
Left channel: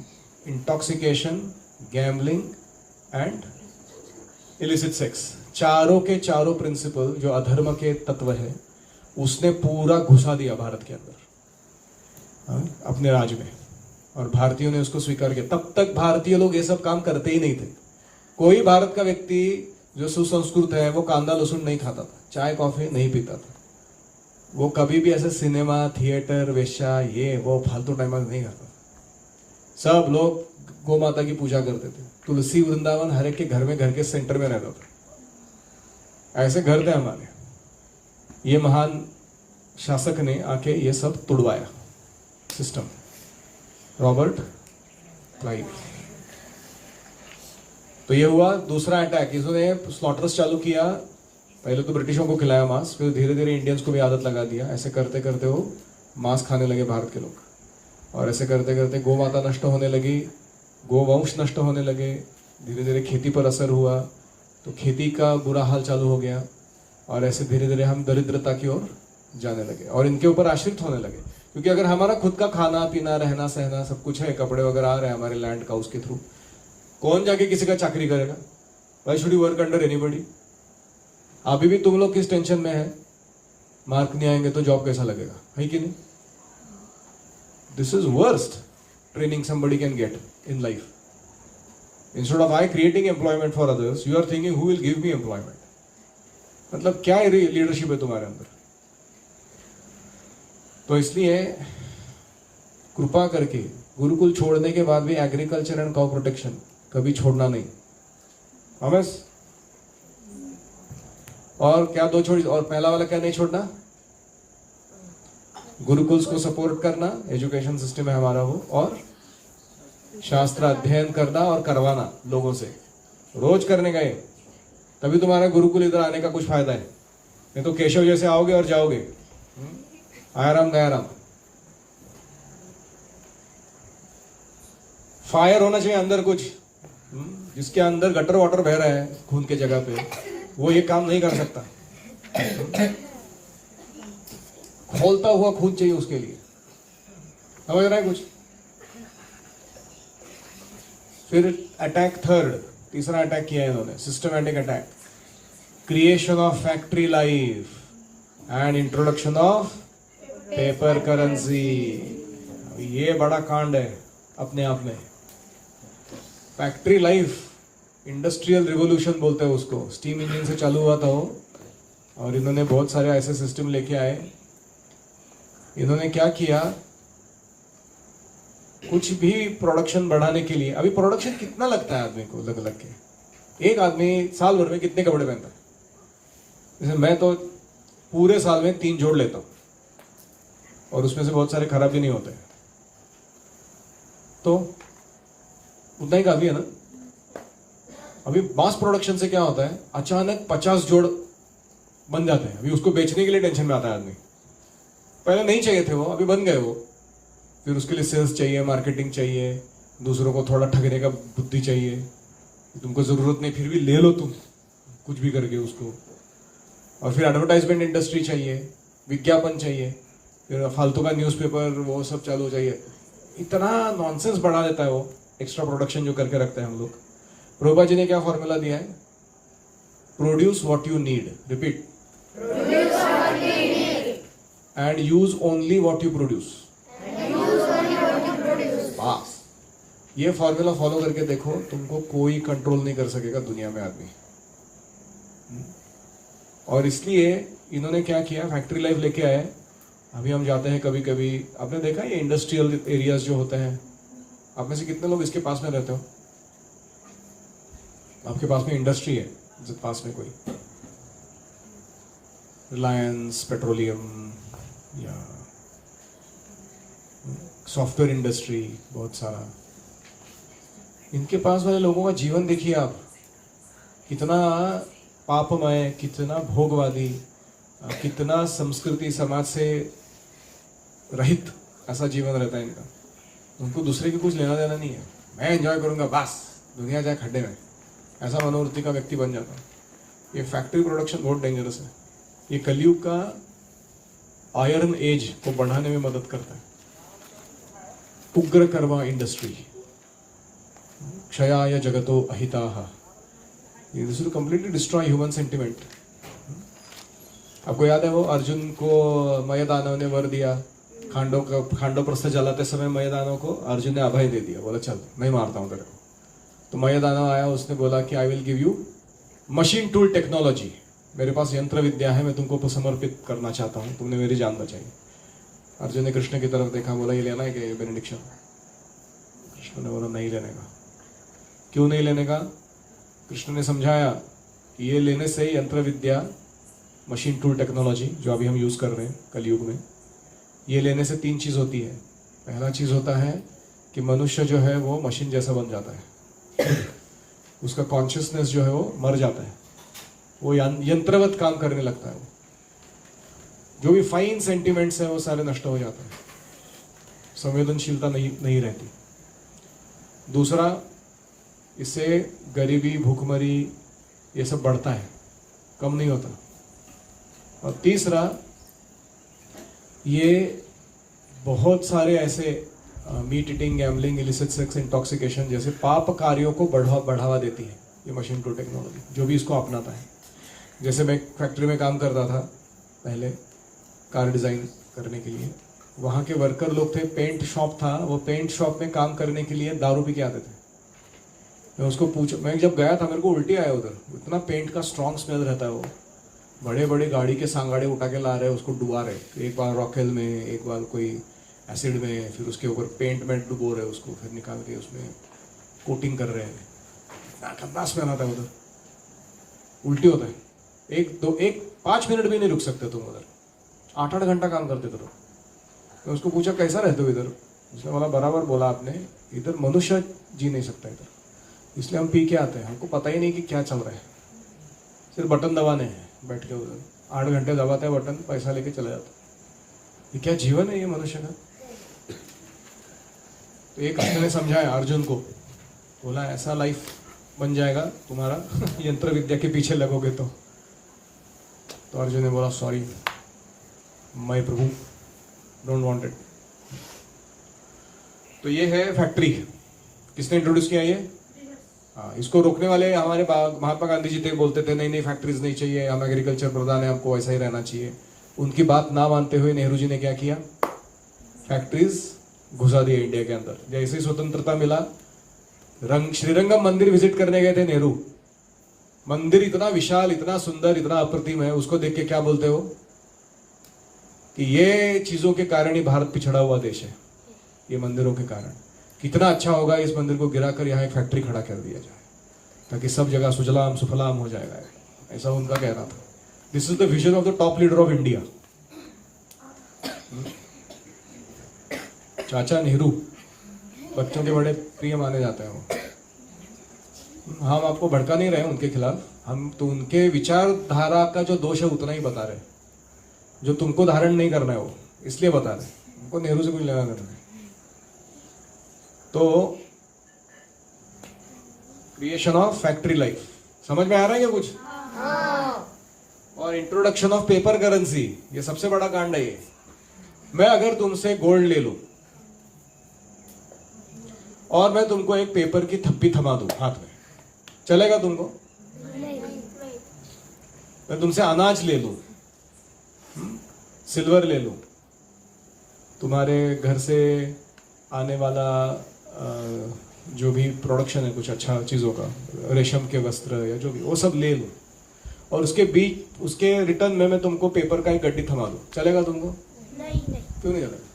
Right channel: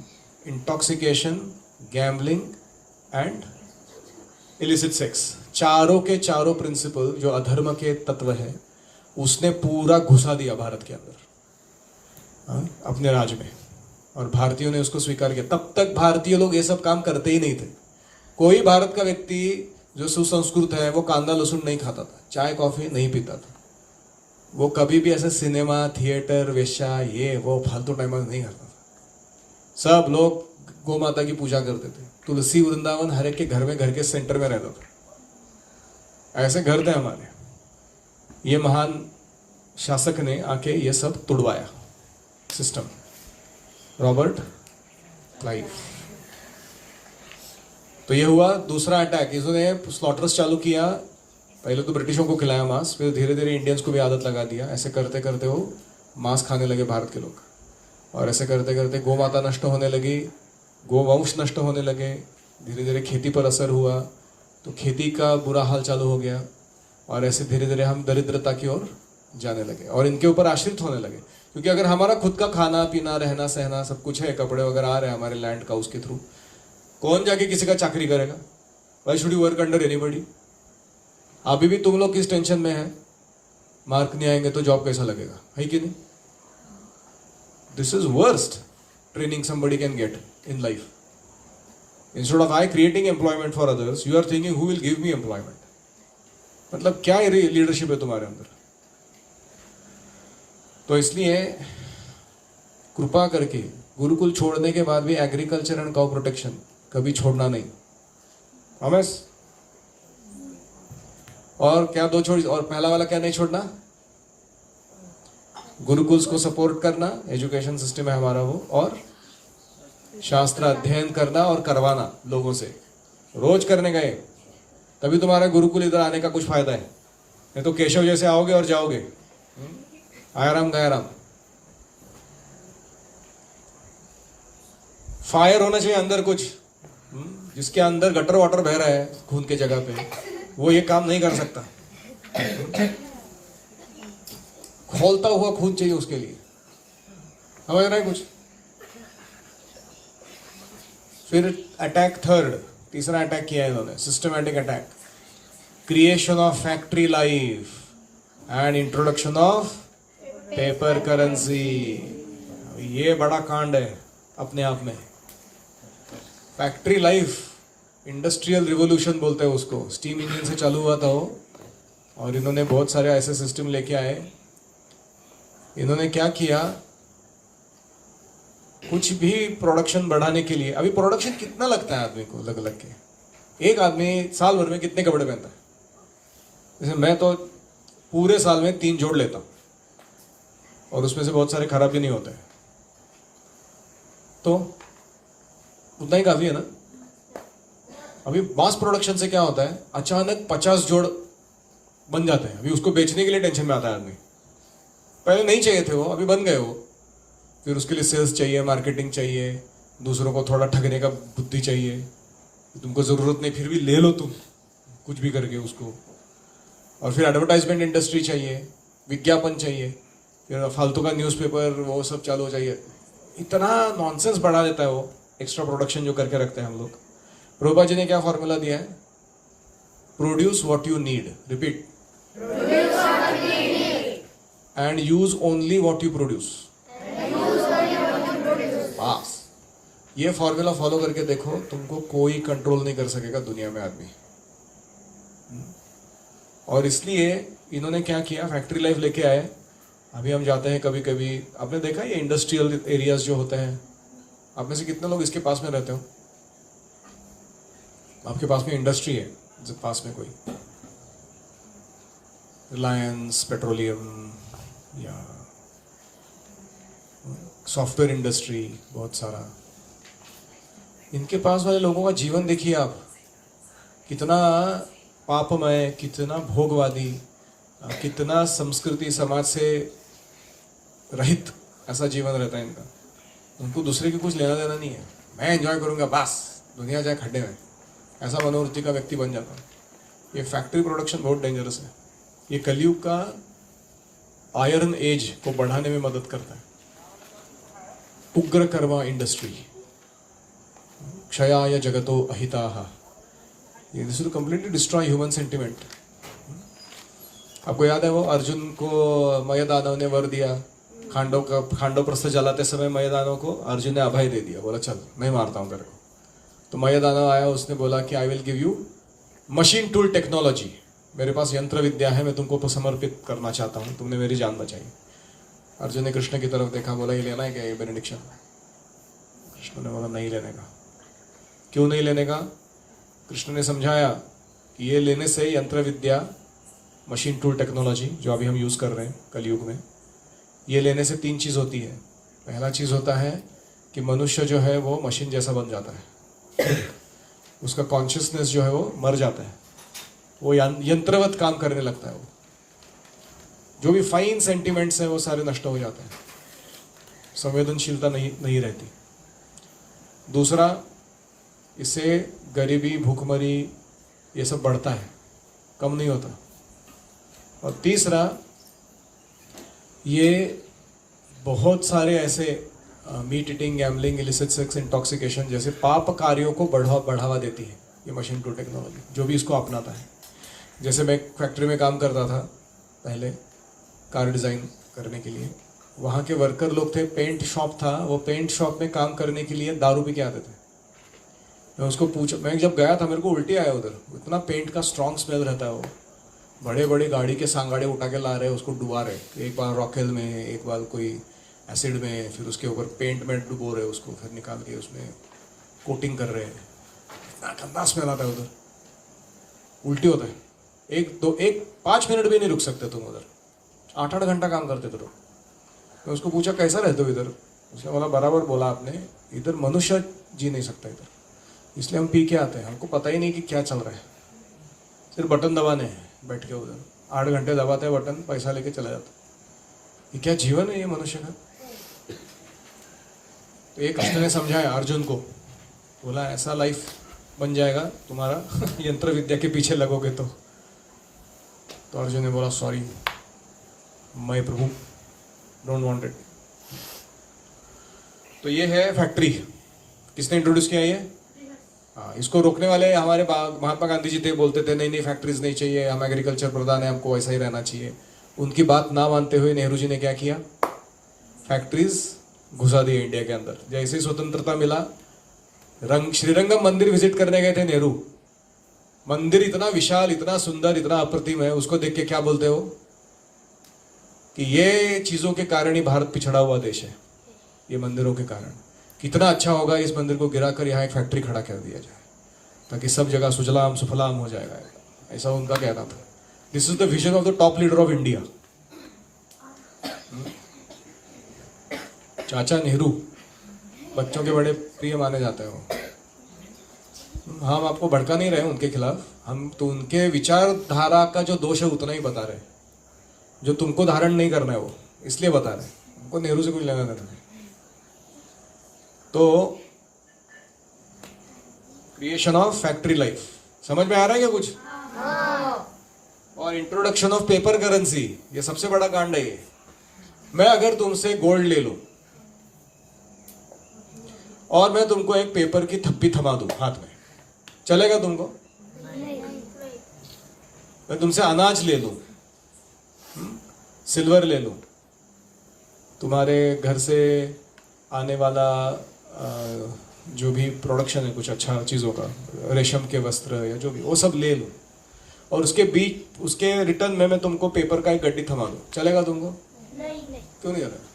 intoxication, gambling and illicit sex, चारों के चारों प्रिंसिपल जो अधर्म के तत्व है उसने पूरा घुसा दिया भारत के अंदर अपने राज्य में. और भारतीयों ने उसको स्वीकार किया. तब तक भारतीय लोग ये सब काम करते ही नहीं थे. कोई भारत का व्यक्ति जो सुसंस्कृत है वो कांदा लहसुन नहीं खाता था, चाय कॉफी नहीं पीता था, वो कभी भी ऐसे सिनेमा थिएटर वेश्या ये वो फालतू टाइम नहीं करता था। सब लोग गौ माता की पूजा करते थे। तुलसी वृंदावन हर एक के घर में, घर के सेंटर में रहता था। ऐसे घर थे हमारे। ये महान शासक ने आके ये सब तुड़वाया सिस्टम, रॉबर्ट क्लाइव। तो ये हुआ दूसरा अटैक। इसने स्लॉटर्स चालू किया। पहले तो ब्रिटिशों को खिलाया मांस, फिर धीरे धीरे इंडियंस को भी आदत लगा दिया। ऐसे करते करते वो मांस खाने लगे भारत के लोग, और ऐसे करते करते गौ माता नष्ट होने लगी, गोवंश नष्ट होने लगे। धीरे धीरे खेती पर असर हुआ, तो खेती का बुरा हाल चालू हो गया, और ऐसे धीरे धीरे हम दरिद्रता की ओर जाने लगे और इनके ऊपर आश्रित होने लगे। क्योंकि अगर हमारा खुद का खाना पीना रहना सहना सब कुछ है, कपड़े वगैरह आ रहे हैं हमारे लैंड का उसके थ्रू, कौन जाके किसी का चाकरी करेगा? Why should you work under anybody? अभी भी तुम लोग किस टेंशन में है, मार्क नहीं आएंगे तो जॉब कैसा लगेगा, है कि नहीं? This is worst training somebody can get in life. Instead of I creating employment for others, you are thinking who will give me employment. मतलब क्या लीडरशिप है तुम्हारे अंदर? तो इसलिए कृपा करके गुरुकुल छोड़ने के बाद भी एग्रीकल्चर एंड काउ प्रोटेक्शन कभी छोड़ना नहीं। प्रॉमिस? और क्या दो छोड़, और पहला वाला क्या नहीं छोड़ना? गुरुकुल्स को सपोर्ट करना, एजुकेशन सिस्टम है हमारा वो, और शास्त्र अध्ययन करना और करवाना लोगों से, रोज करने गए, तभी तुम्हारा गुरुकुल इधर आने का कुछ फायदा है। नहीं तो केशव जैसे आओगे और जाओगे, आयाराम गायाराम। फायर होना चाहिए अंदर कुछ, जिसके अंदर गटर वाटर बह रहा है खून के जगह पे, वो ये काम नहीं कर सकता। खोलता हुआ खून चाहिए उसके लिए, समझ रहा है कुछ? फिर अटैक थर्ड, तीसरा अटैक किया है इन्होंने, systematic attack, creation of factory life and introduction of paper currency. ये बड़ा कांड है अपने आप में। फैक्ट्री लाइफ, इंडस्ट्रियल रिवोल्यूशन बोलते हैं उसको, स्टीम इंजन से चालू हुआ था वो, और इन्होंने बहुत सारे ऐसे सिस्टम लेके आए। इन्होंने क्या किया, कुछ भी प्रोडक्शन बढ़ाने के लिए, अभी प्रोडक्शन कितना लगता है आदमी को अलग अलग के, एक आदमी साल भर में कितने कपड़े पहनता है? जैसे मैं तो पूरे साल में 3 जोड़ लेता हूं, और उसमें से बहुत सारे खराब भी नहीं होते, तो उतना ही काफी है ना। अभी मास प्रोडक्शन से क्या होता है, अचानक 50 जोड़ बन जाते हैं। अभी उसको बेचने के लिए टेंशन में आता है आदमी, पहले नहीं चाहिए थे वो, अभी बन गए वो। फिर उसके लिए सेल्स चाहिए, मार्केटिंग चाहिए, दूसरों को थोड़ा ठगने का बुद्धि चाहिए, तुमको जरूरत नहीं फिर भी ले लो तुम कुछ भी करके उसको। और फिर एडवर्टाइजमेंट इंडस्ट्री चाहिए, विज्ञापन चाहिए, फिर फालतू का न्यूज़पेपर वो सब चालू चाहिए। इतना नॉनसेंस बढ़ा देता है वो एक्स्ट्रा प्रोडक्शन जो करके रखते हैं हम लोग। प्रभुपाद जी ने क्या फॉर्मूला दिया है? Produce what you need, repeat, and use only what you produce. बस ये फॉर्मूला फॉलो करके देखो, तुमको कोई कंट्रोल नहीं कर सकेगा दुनिया में आदमी। और इसलिए इन्होंने क्या किया, फैक्ट्री लाइफ लेके आए। अभी हम जाते हैं कभी कभी, आपने देखा ये इंडस्ट्रियल एरियाज जो होते हैं, आप में से कितने लोग इसके पास में रहते हो? आपके पास में इंडस्ट्री है पास में कोई? रिलायंस, पेट्रोलियम या सॉफ्टवेयर इंडस्ट्री, बहुत सारा। इनके पास वाले लोगों का जीवन देखिए आप, कितना पापमय, कितना भोगवादी, कितना संस्कृति समाज से रहित ऐसा जीवन रहता है इनका। उनको दूसरे की कुछ लेना देना नहीं है, मैं एंजॉय करूंगा बस, दुनिया जाए खड्डे में, ऐसा मनोवृत्ति का व्यक्ति बन जाता है। ये फैक्ट्री प्रोडक्शन बहुत डेंजरस है। ये कलयुग का आयरन एज को बढ़ाने में मदद करता है। उग्र कर्मा इंडस्ट्री, क्षयाय जगतो अहिताः, ये this will completely destroy human sentiment. आपको याद है वो अर्जुन को मयदानव ने वर दिया, खांडव प्रस्थ जलाते समय मयदानव को अर्जुन ने अभय दे दिया, बोला चल मैं मारता हूँ तेरे को। तो मयदानव आया, उसने बोला कि I will give you machine tool technology, मेरे पास यंत्र विद्या है, मैं तुमको तो समर्पित करना चाहता हूँ, तुमने मेरी जान बचाई। अर्जुन ने कृष्ण की तरफ देखा, बोला ये लेना है क्या, ये बेनेडिक्शन? कृष्ण ने बोला नहीं लेने का। क्यों नहीं लेने का? कृष्ण ने समझाया कि ये लेने से यंत्र विद्या, मशीन टूल टेक्नोलॉजी जो अभी हम यूज कर रहे हैं कलयुग में, ये लेने से 3 चीज होती है। पहला चीज होता है कि मनुष्य जो है वो मशीन जैसा बन जाता है, उसका कॉन्शियसनेस जो है वो मर जाता है, वो यंत्रवत काम करने लगता है, वो जो भी फाइन सेंटिमेंट्स हैं वो सारे नष्ट हो जाते हैं, संवेदनशीलता नहीं रहती। दूसरा, इससे गरीबी, भूखमरी ये सब बढ़ता है, कम नहीं होता। और तीसरा, ये बहुत सारे ऐसे meat eating, gambling, illicit sex, intoxication जैसे पाप कार्यों को बढ़ावा देती है ये मशीन टू टेक्नोलॉजी, जो भी इसको अपनाता है। जैसे मैं फैक्ट्री में काम करता था पहले कार डिज़ाइन करने के लिए, वहाँ के वर्कर लोग थे, पेंट शॉप था, वो पेंट शॉप में काम करने के लिए दारू पी के आते थे। मैं उसको मैं जब गया था मेरे को उल्टी आया उधर, इतना पेंट का स्ट्रॉन्ग स्मेल रहता है। वो बड़े बड़े गाड़ी के सांगाड़े उठा के ला रहे, उसको डुबा रहे, एक बार रॉकेल में, एक बार कोई एसिड में, फिर उसके ऊपर पेंट में डुबो रहे उसको, फिर निकाल के उसमें कोटिंग कर रहे हैं। इतना गंदा स्मेल आता है उधर, उल्टी होता है। 5 मिनट भी नहीं रुक सकते तुम उधर, 8-8 घंटा काम करते थे। मैं उसको पूछा कैसा रहते हो इधर? उसने बोला बराबर बोला आपने, इधर मनुष्य जी नहीं सकता इधर, इसलिए हम पी के आते हैं, हमको पता ही नहीं कि क्या चल रहा है, सिर्फ बटन दबाने हैं बैठ के उधर, 8 घंटे दबाते हैं बटन, पैसा लेके चला जाता। ये क्या जीवन है ये मनुष्य का? तो एक कृष्ण ने समझाया अर्जुन को, बोला ऐसा लाइफ बन जाएगा तुम्हारा यंत्र विद्या के पीछे लगोगे तो अर्जुन ने बोला sorry my Prabhu, don't want it. तो ये है फैक्ट्री, किसने इंट्रोड्यूस किया ये? हाँ, इसको रोकने वाले हमारे महात्मा गांधी जी थे, बोलते थे नहीं फैक्ट्रीज नहीं चाहिए, हम एग्रीकल्चर प्रधान है, हमको ऐसा ही रहना चाहिए। उनकी बात ना मानते हुए नेहरू जी ने क्या किया? फैक्ट्रीज घुसा दी इंडिया के अंदर। जैसे ही स्वतंत्रता मिला, श्रीरंगम मंदिर विजिट करने गए थे नेहरू, मंदिर इतना विशाल, इतना सुंदर, इतना अप्रतिम है, उसको देख के क्या बोलते हो कि ये चीजों के कारण ही भारत पिछड़ा हुआ देश है, ये मंदिरों के कारण। कितना अच्छा होगा इस मंदिर को गिराकर यहाँ एक फैक्ट्री खड़ा कर दिया जाए, ताकि सब जगह सुजलाम सुफलाम हो जाएगा, ऐसा उनका कहना था। This is the vision of the top leader of India, चाचा नेहरू, बच्चों के बड़े प्रिय माने जाते हैं वो। हम आपको भड़का नहीं रहे उनके खिलाफ, हम तो उनके विचारधारा का जो दोष है उतना ही बता रहे, जो तुमको धारण नहीं करना है वो इसलिए बता रहे, हमको नेहरू से कुछ लेना देना नहीं। तो क्रिएशन ऑफ फैक्ट्री लाइफ समझ में आ रहा है क्या कुछ? और इंट्रोडक्शन ऑफ पेपर करेंसी, ये सबसे बड़ा कांड है ये। मैं अगर तुमसे गोल्ड ले लूं और मैं तुमको एक पेपर की थप्पी थमा दूं हाथ में, चलेगा तुमको? मैं तुमसे अनाज ले लूं, सिल्वर ले लूं, तुम्हारे घर से आने वाला जो भी प्रोडक्शन है कुछ अच्छा चीज़ों का, रेशम के वस्त्र या जो भी, वो सब ले लो, और उसके रिटर्न में मैं तुमको पेपर का एक गड्डी थमा दूं, चलेगा तुमको? नहीं। क्यों नहीं चलेगा?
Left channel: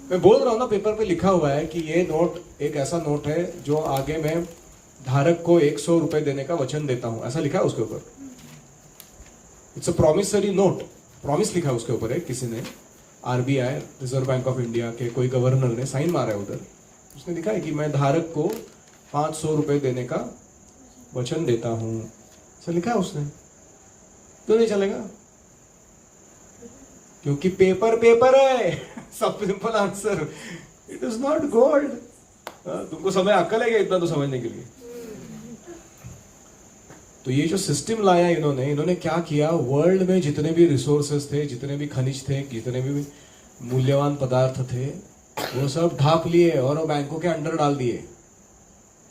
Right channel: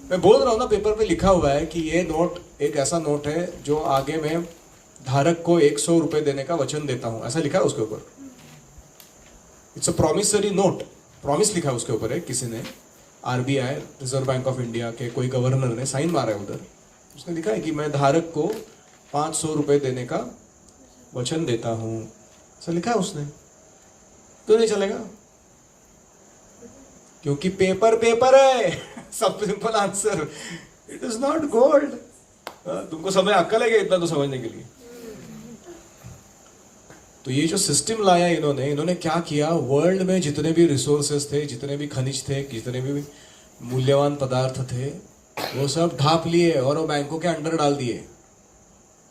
मैं बोल रहा हूँ ना, पेपर पे लिखा हुआ है कि ये नोट एक ऐसा नोट है जो आगे मैं धारक को 100 रुपए देने का वचन देता हूँ, ऐसा लिखा है उसके ऊपर। It's a promissory note, promise लिखा है उसके ऊपर है, किसी ने, RBI, reserve bank of India के कोई गवर्नर ने साइन मारा है उधर, उसने लिखा है कि मैं धारक को 500 रुपए देने का वचन देता हूं, ऐसा लिखा है उसने। तो नहीं चलेगा, क्योंकि पेपर है। सब simple answer, it is not gold. तुमको समय अक्ल है क्या इतना तो समझने के लिए? तो ये जो सिस्टम लाया इन्होंने क्या किया, वर्ल्ड में जितने भी रिसोर्सेस थे, जितने भी खनिज थे, जितने भी मूल्यवान पदार्थ थे, वो सब ढाप लिए और वो बैंकों के अंडर डाल दिए,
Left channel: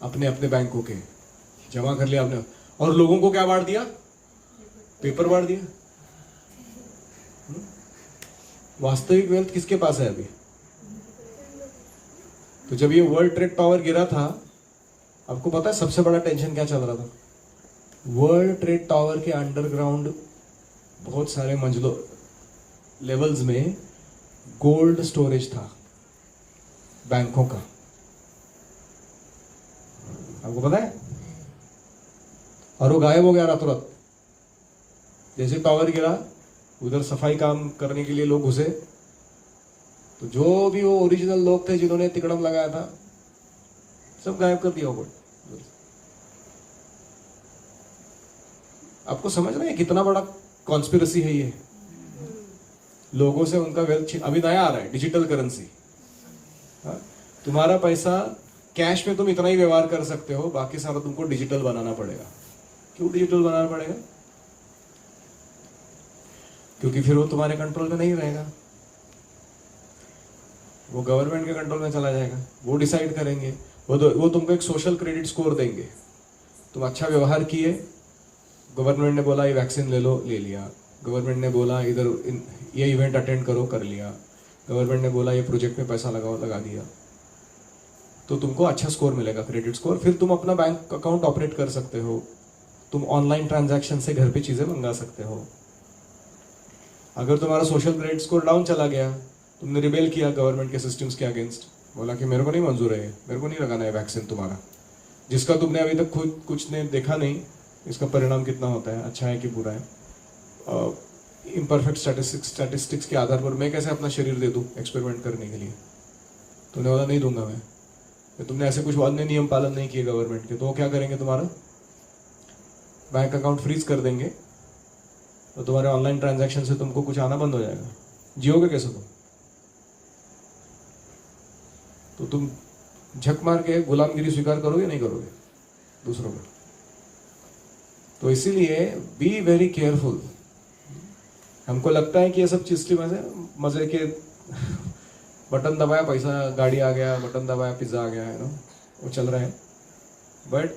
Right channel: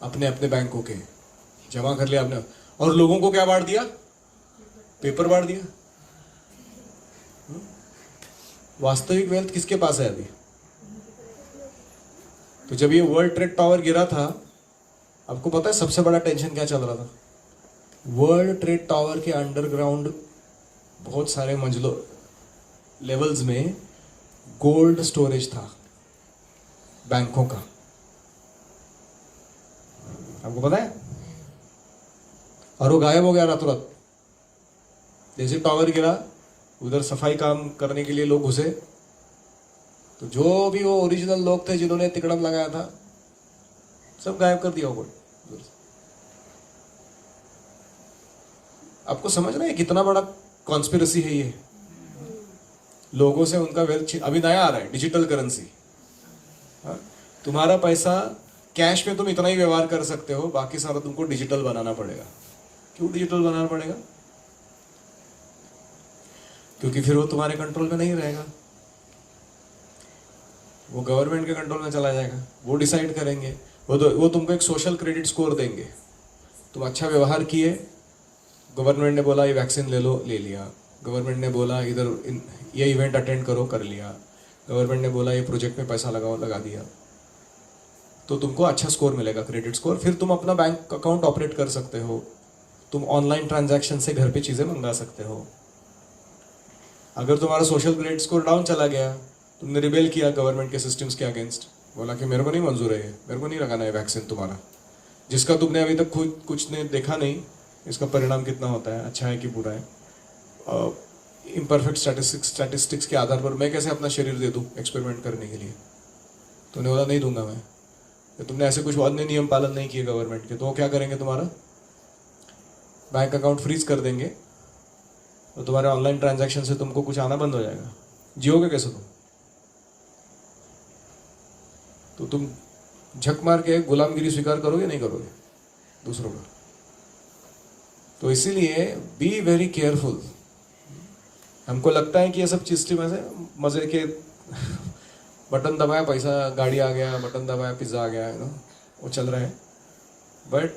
अपने अपने बैंकों के जमा कर लिया आपने, और लोगों को क्या बांट दिया? पेपर बांट दिया। वास्तविक वेल्थ किसके पास है अभी? तो जब ये वर्ल्ड ट्रेड टावर गिरा था, आपको पता है सबसे बड़ा टेंशन क्या चल रहा था? वर्ल्ड ट्रेड टावर के अंडरग्राउंड बहुत सारे मंजिलों लेवल्स में गोल्ड स्टोरेज था बैंकों का, आपको पता है? और वो गायब हो गया रातों रात। जैसे टावर गिरा, उधर सफाई काम करने के लिए लोग घुसे, तो जो भी वो ओरिजिनल लोग थे जिन्होंने तिकड़म लगाया था, सब गायब कर दिया होगा। आपको समझ रहे हैं कितना बड़ा कॉन्स्पिरेसी है ये? लोगों से उनका वेल्थ अभी नया आ रहा है, डिजिटल करेंसी। तुम्हारा पैसा कैश में तुम इतना ही व्यवहार कर सकते हो, बाकी सारा तुमको डिजिटल बनाना पड़ेगा। क्यों डिजिटल बनाना पड़ेगा? क्योंकि फिर वो तुम्हारे कंट्रोल में नहीं रहेगा, वो गवर्नमेंट के कंट्रोल में चला जाएगा। वो डिसाइड करेंगे, वो तुमको एक सोशल क्रेडिट स्कोर देंगे। तुम अच्छा व्यवहार किए, गवर्नमेंट ने बोला ये वैक्सीन ले लो, ले लिया। गवर्नमेंट ने बोला इधर ये इवेंट अटेंड करो, कर लिया। गवर्नमेंट ने बोला ये प्रोजेक्ट में पैसा लगाओ, लगा दिया। तो तुमको अच्छा स्कोर मिलेगा, क्रेडिट स्कोर। फिर तुम अपना बैंक अकाउंट ऑपरेट कर सकते हो, तुम ऑनलाइन ट्रांजैक्शन से घर पे चीज़ें मंगा सकते हो। अगर तुम्हारा सोशल क्रेडिट स्कोर डाउन चला गया, तुमने रिबेल किया गवर्नमेंट के सिस्टम्स के अगेंस्ट, बोला कि मेरे को नहीं मंजूर है, मेरे को नहीं लगाना है वैक्सीन तुम्हारा, जिसका तुमने अभी तक खुद कुछ ने देखा नहीं, इसका परिणाम कितना होता है, अच्छा है कि बुरा है। इम्परफेक्ट स्टैटिस्टिक्स के आधार पर मैं कैसे अपना शरीर दे दूँ एक्सपेरिमेंट करने के लिए? तुमने बोला नहीं दूंगा मैं। तो तुमने ऐसे कुछ अन्य नियम पालन नहीं किए गवर्नमेंट के, तो वो क्या करेंगे? तुम्हारा बैंक अकाउंट फ्रीज कर देंगे और तुम्हारे ऑनलाइन ट्रांजैक्शन से तुमको कुछ आना बंद हो जाएगा। जियोगे कैसे तुम? तो तुम झक मार के गुलामगिरी स्वीकार करोगे नहीं करोगे दूसरों को? तो इसीलिए बी वेरी केयरफुल। हमको लगता है कि ये सब सिस्टम ऐसे मजे के बटन दबाया पैसा गाड़ी आ गया, बटन दबाया पिज्जा आ गया, वो चल रहा है। बट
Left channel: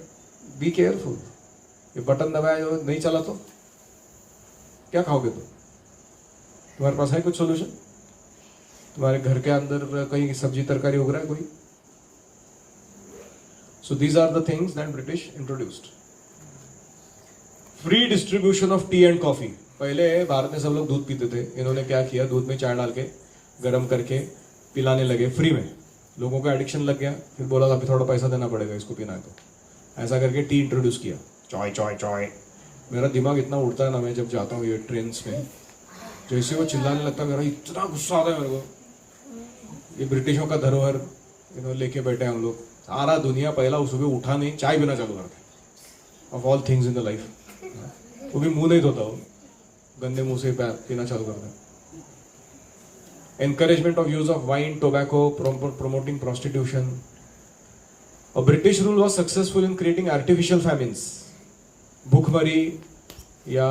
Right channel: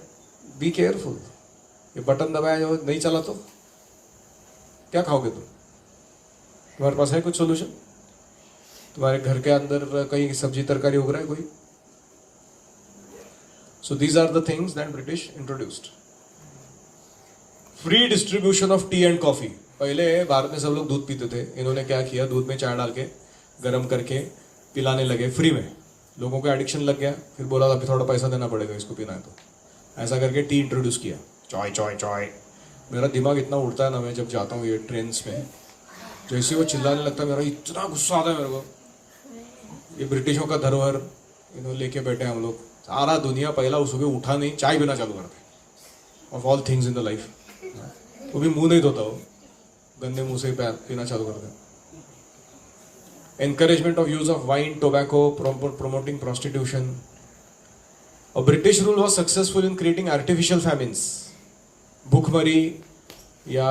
बी केयरफुल, ये बटन दबाया जो नहीं चला तो क्या खाओगे तुम? तुम्हारे पास है कुछ सोल्यूशन? तुम्हारे घर के अंदर कहीं सब्जी तरकारी उग रहा है कोई? So these are the things that British introduced. Free distribution of tea and coffee. पहले भारत में सब लोग दूध पीते थे, इन्होंने क्या किया, दूध में चाय डाल के गर्म करके पिलाने लगे फ्री में। लोगों को एडिक्शन लग गया, फिर बोला अभी थोड़ा पैसा देना पड़ेगा इसको पीना है, तो ऐसा करके टी इंट्रोड्यूस किया। चाय चाय चाय। मेरा दिमाग इतना उड़ता है ना, मैं जब जाता हूँ ये ट्रेन में, जैसे वो चिल्लाने लगता है, मेरा इतना गुस्सा आता है मेरे को। ये ब्रिटिशों का धरोहर इन्होंने लेके बैठे हैं हम लोग। सारा दुनिया पहला सुबह उठा नहीं, चाय पीना चालू करते, of all things in the life. वो भी मुंह नहीं धोता, वो गंदे मुंह से पीना चालू करते हैं। Encouragement of use of wine, tobacco, promoting prostitution. A British rule was successful in creating artificial famines. भूखमरी या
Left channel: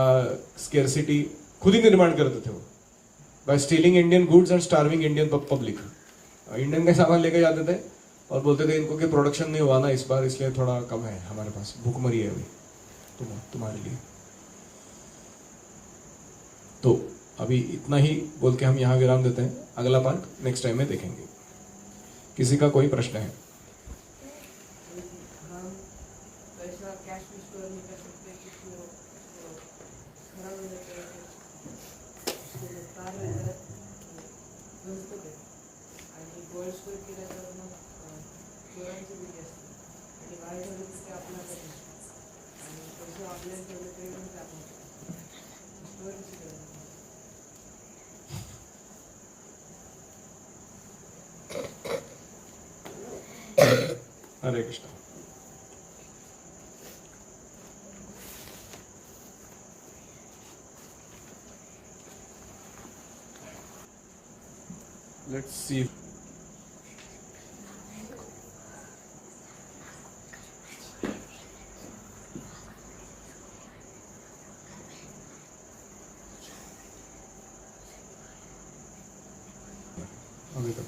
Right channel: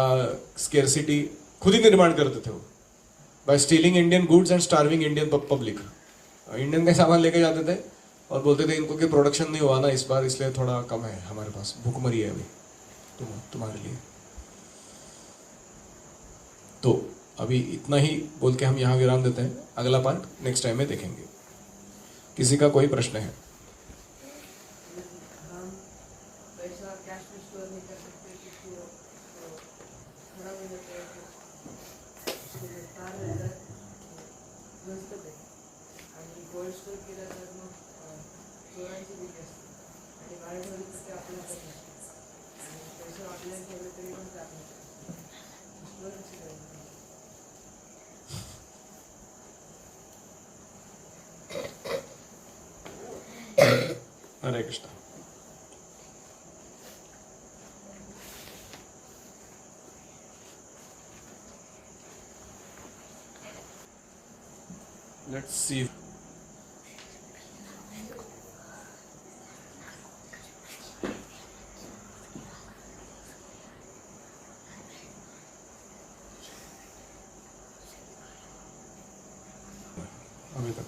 scarcity खुद ही निर्माण करते थे वो, by stealing Indian goods and starving Indian public. Indian का सामान लेके जाते थे और बोलते थे इनको कि प्रोडक्शन नहीं हुआ ना इस बार, इसलिए थोड़ा कम है हमारे पास, भूखमरी है अभी तुम्हारे लिए। तो अभी इतना ही बोल के हम यहाँ विराम देते हैं। अगला पार्ट नेक्स्ट टाइम में देखेंगे। किसी का कोई प्रश्न है? हम पैसा कैश में स्टोर नहीं कर सकते क्योंकि वो खराब हो जाता है, इसके लिए तार वगैरह व्यवस्थित है। आणि गोल्ड स्टोर केलं तर मग चोरांची भीती असते आणि बाहेर ठेवले तर ते आपल्याला करत नसते आणि पैसे ऑनलाईन ठेवले तरी पण ते आपण स्टोर कशी करायची? हरे कृष्ण। Let's see. अभी तक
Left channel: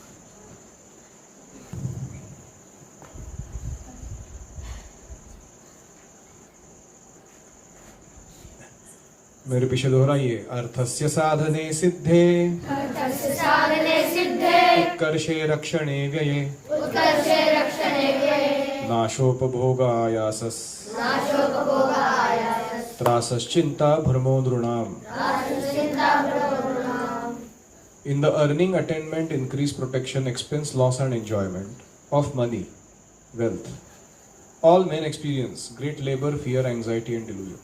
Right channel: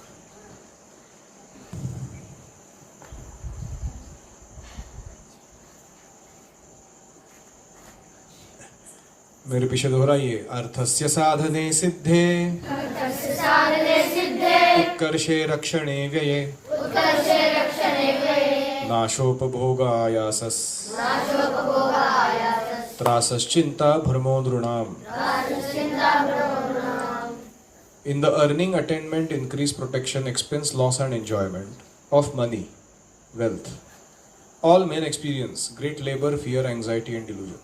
मेरे पीछे दोहराइए। अर्थस्य साधने सिद्धे उत्कर्षे रक्षणे व्यये नाशोपभोगायासस्। त्रासश्चिंता Brahmo नृणाम. In the earning, attainment, increase, protection, expense, loss and enjoyment of money, wealth, all men experience great labor, fear, anxiety and delusion.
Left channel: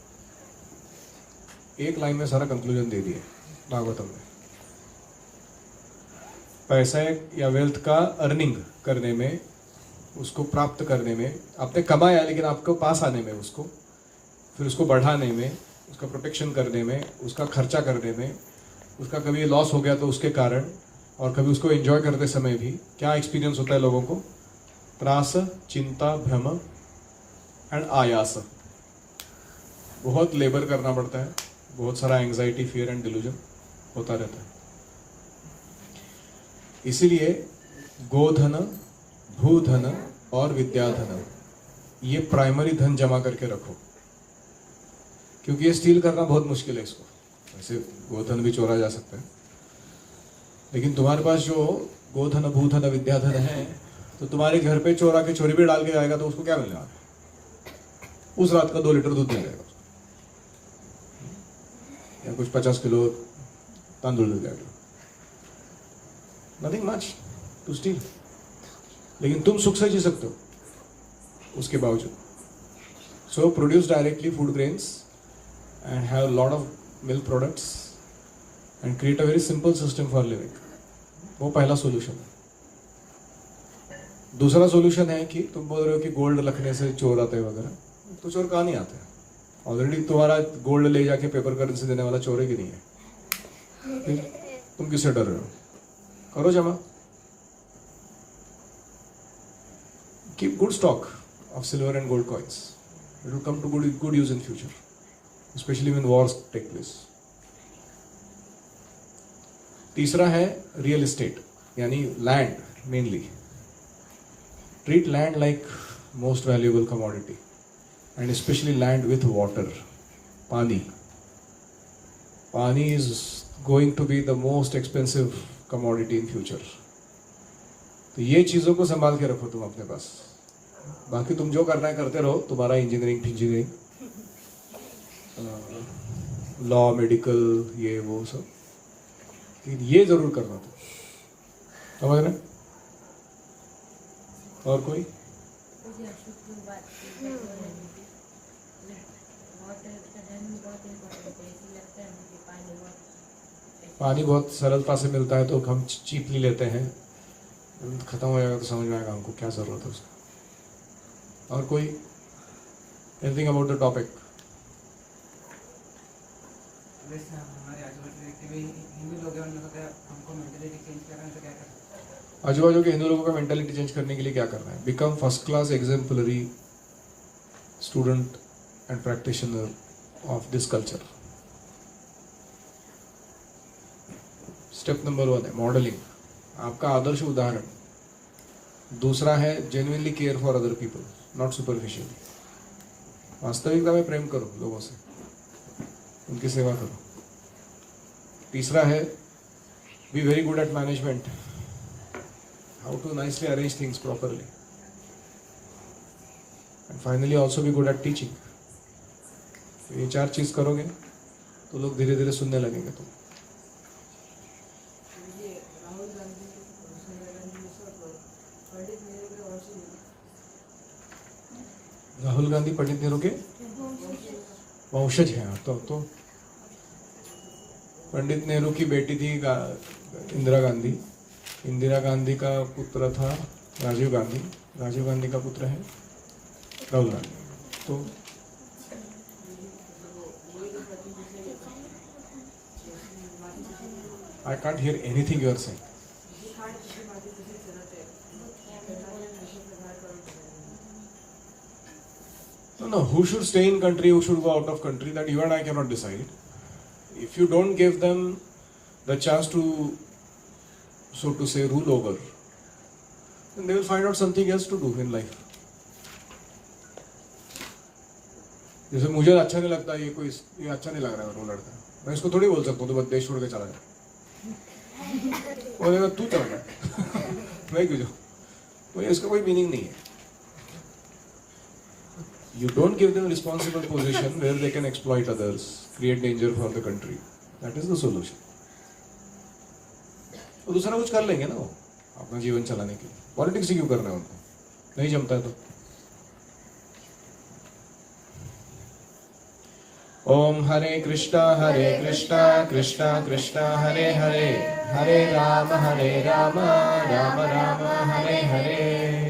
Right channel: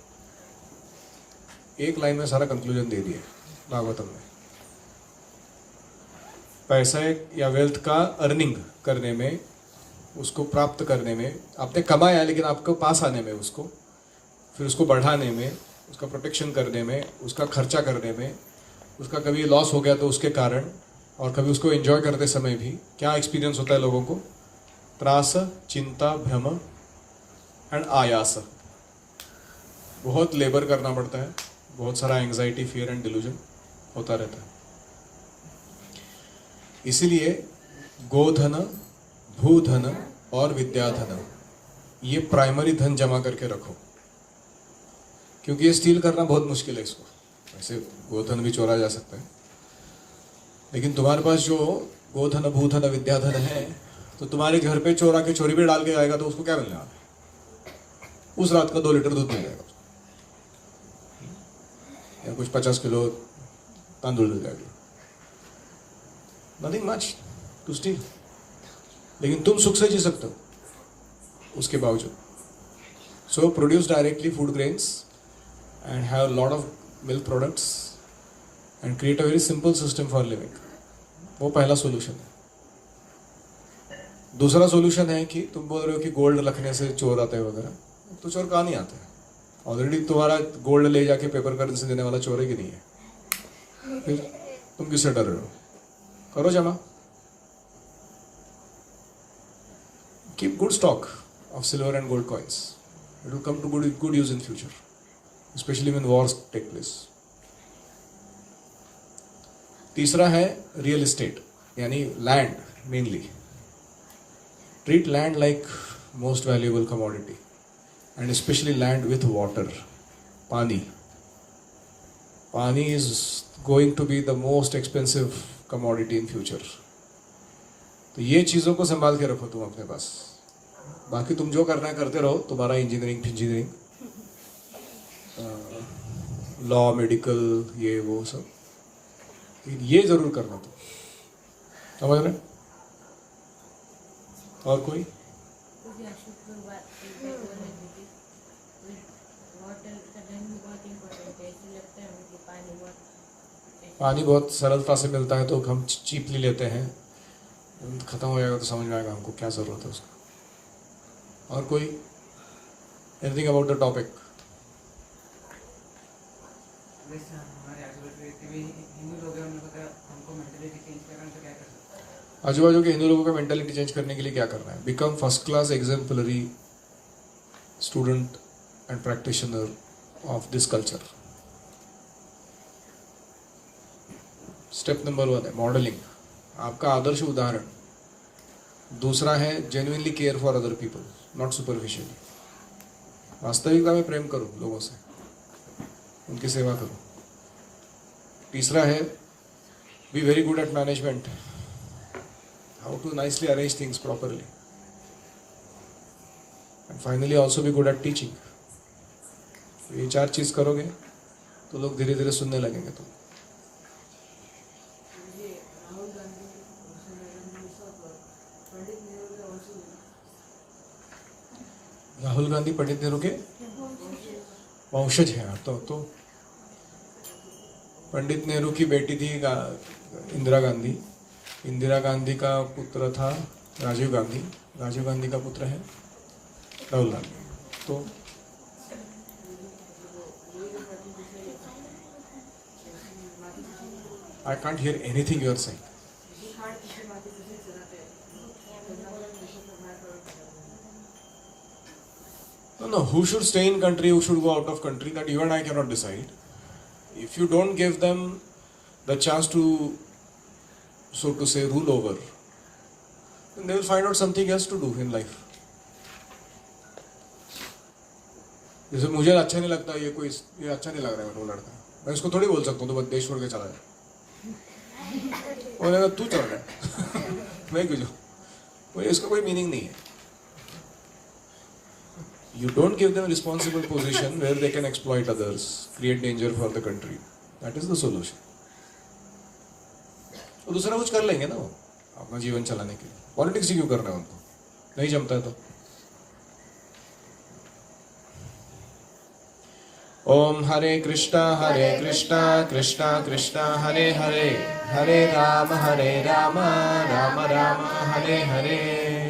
एक लाइन में सारा कंक्लूजन दे दिए भागवतम ने. पैसा या वेल्थ का अर्निंग करने में, उसको प्राप्त करने में, आपने कमाया लेकिन आपको पास आने में, उसको फिर उसको बढ़ाने में, उसका प्रोटेक्शन करने में, उसका खर्चा करने में, उसका कभी लॉस हो गया तो उसके कारण, और कभी उसको एंजॉय करते समय भी क्या एक्सपीरियंस होता है लोगों को? त्रास, चिंता, भ्रम एंड आयास. बहुत लेबर करना पड़ता है, बहुत सारा एंजाइटी, फियर एंड डिल्यूजन होता रहता है. इसीलिए गोधन, भूधन और विद्याधन, ये प्राइमरी धन जमा करके रखो, क्योंकि ये स्टील करना बहुत मुश्किल है. इसको ऐसे गोधन भी चोरा जा सकता है, लेकिन तुम्हारे पास जो गोधन, भूधन, विद्याधन है, तो तुम्हारे घर पे चोरा के चोरी भी डाल के आएगा तो उसको क्या मिलने वाला है? उस रात का 2 लीटर दूध मिल जाएगा, या कुछ 50 किलो तांदूल मिल जाएगा. Nothing much to steal. लेकिन तुम सुख से जी सकते हो उसके बावजूद. So produce directly food grains and have a lot of milk products and create a very simple system for living. वो पहला सॉल्यूशन है. दूसरा सॉल्यूशन है कि तुम बोल रहे हो कि गोल्ड रखने से चोर आते हैं वगैरह, तो चोर कहाँ नहीं आते हैं? ऑलरेडी तुम्हारा गोल्ड ले जाके पेपर करेंसी देने वाला चोर है कि नहीं है? फिर तुम किससे डर रहे हो? करो जमा. Keep good stock of silver and gold coins. It will come to good use in future, especially when wars take place. तीसरा है रियल एस्टेट, यानी land. Mainly treat land like most valuable commodity, and specially land with water. Pani is going to be the most expensive commodity in future. तो ये चीज़ों को संभाल के रखो तुम अपने पास. बाकी तुम जो करना है करते रहो, तुम्हारा इंजीनियरिंग, लॉ, मेडिकल, ये वो सब, लेकिन ये जरूर करना तुम. समझ रहे? और कोई? पानी बहुत सरलता से मिलता है तो हम चीपली लेते हैं. खत्म हो जाएगा तो समझ में आएगा हमको क्या जरूरत है उसका. और कोई? Anything about the topic? आजू बाजू के हिंदू लोगों का मेंटालिटी चेंज करने के लिए क्या करना है? Become first class exemplary student and practitioner of this culture. Step number 1 है मॉडलिंग, आपका आदर्श उदाहरण. दूसरा है genuinely care for other people, not superficially. वास्तविकता में प्रेम करो लोगों से, उनकी सेवा करो. तीसरा है be very good at management, how to nicely arrange things properly. And finally also be good at teaching. ये 4 चीज़ करोगे तो लोग धीरे धीरे सुनने लगेंगे. तो राहुल गांधी पंडित नेहरू के वंशज हैं. तो पंडित नेहरू की बेटी थी इंदिरा गांधी. इंदिरा गांधी का पुत्र था राजीव गांधी. राजीव गांधी का पुत्र है राहुल गांधी. तो I can't hear anything you are saying. No, who should stay in country, who should go out of country, that you and I cannot decide. If you don't give them the chance to, so to say, rule over, then they will find out something else to do in life. जैसे मुझे अच्छा नहीं लगता ये अच्छा नहीं लग रहा है वो लड़का, मैं इसको थोड़ी बोल सकता हूँ तो बस देश छोड़ के चला जाए. बोलेगा तू चल रहा है मैं क्यों जाऊँ. इसका कोई मीनिंग नहीं है. You don't give them responsible position where they can exploit others, create danger for the country. That is the solution. और दूसरा कुछ कर लेंगे ना वो, अपना जीवन चलाने के लिए. पॉलिटिक्स ही क्यों करना है उनको? नहीं जमता है तो. ओम हरे कृष्णा कृष्णा कृष्णा हरे हरे, हरे राम राम राम हरे हरे.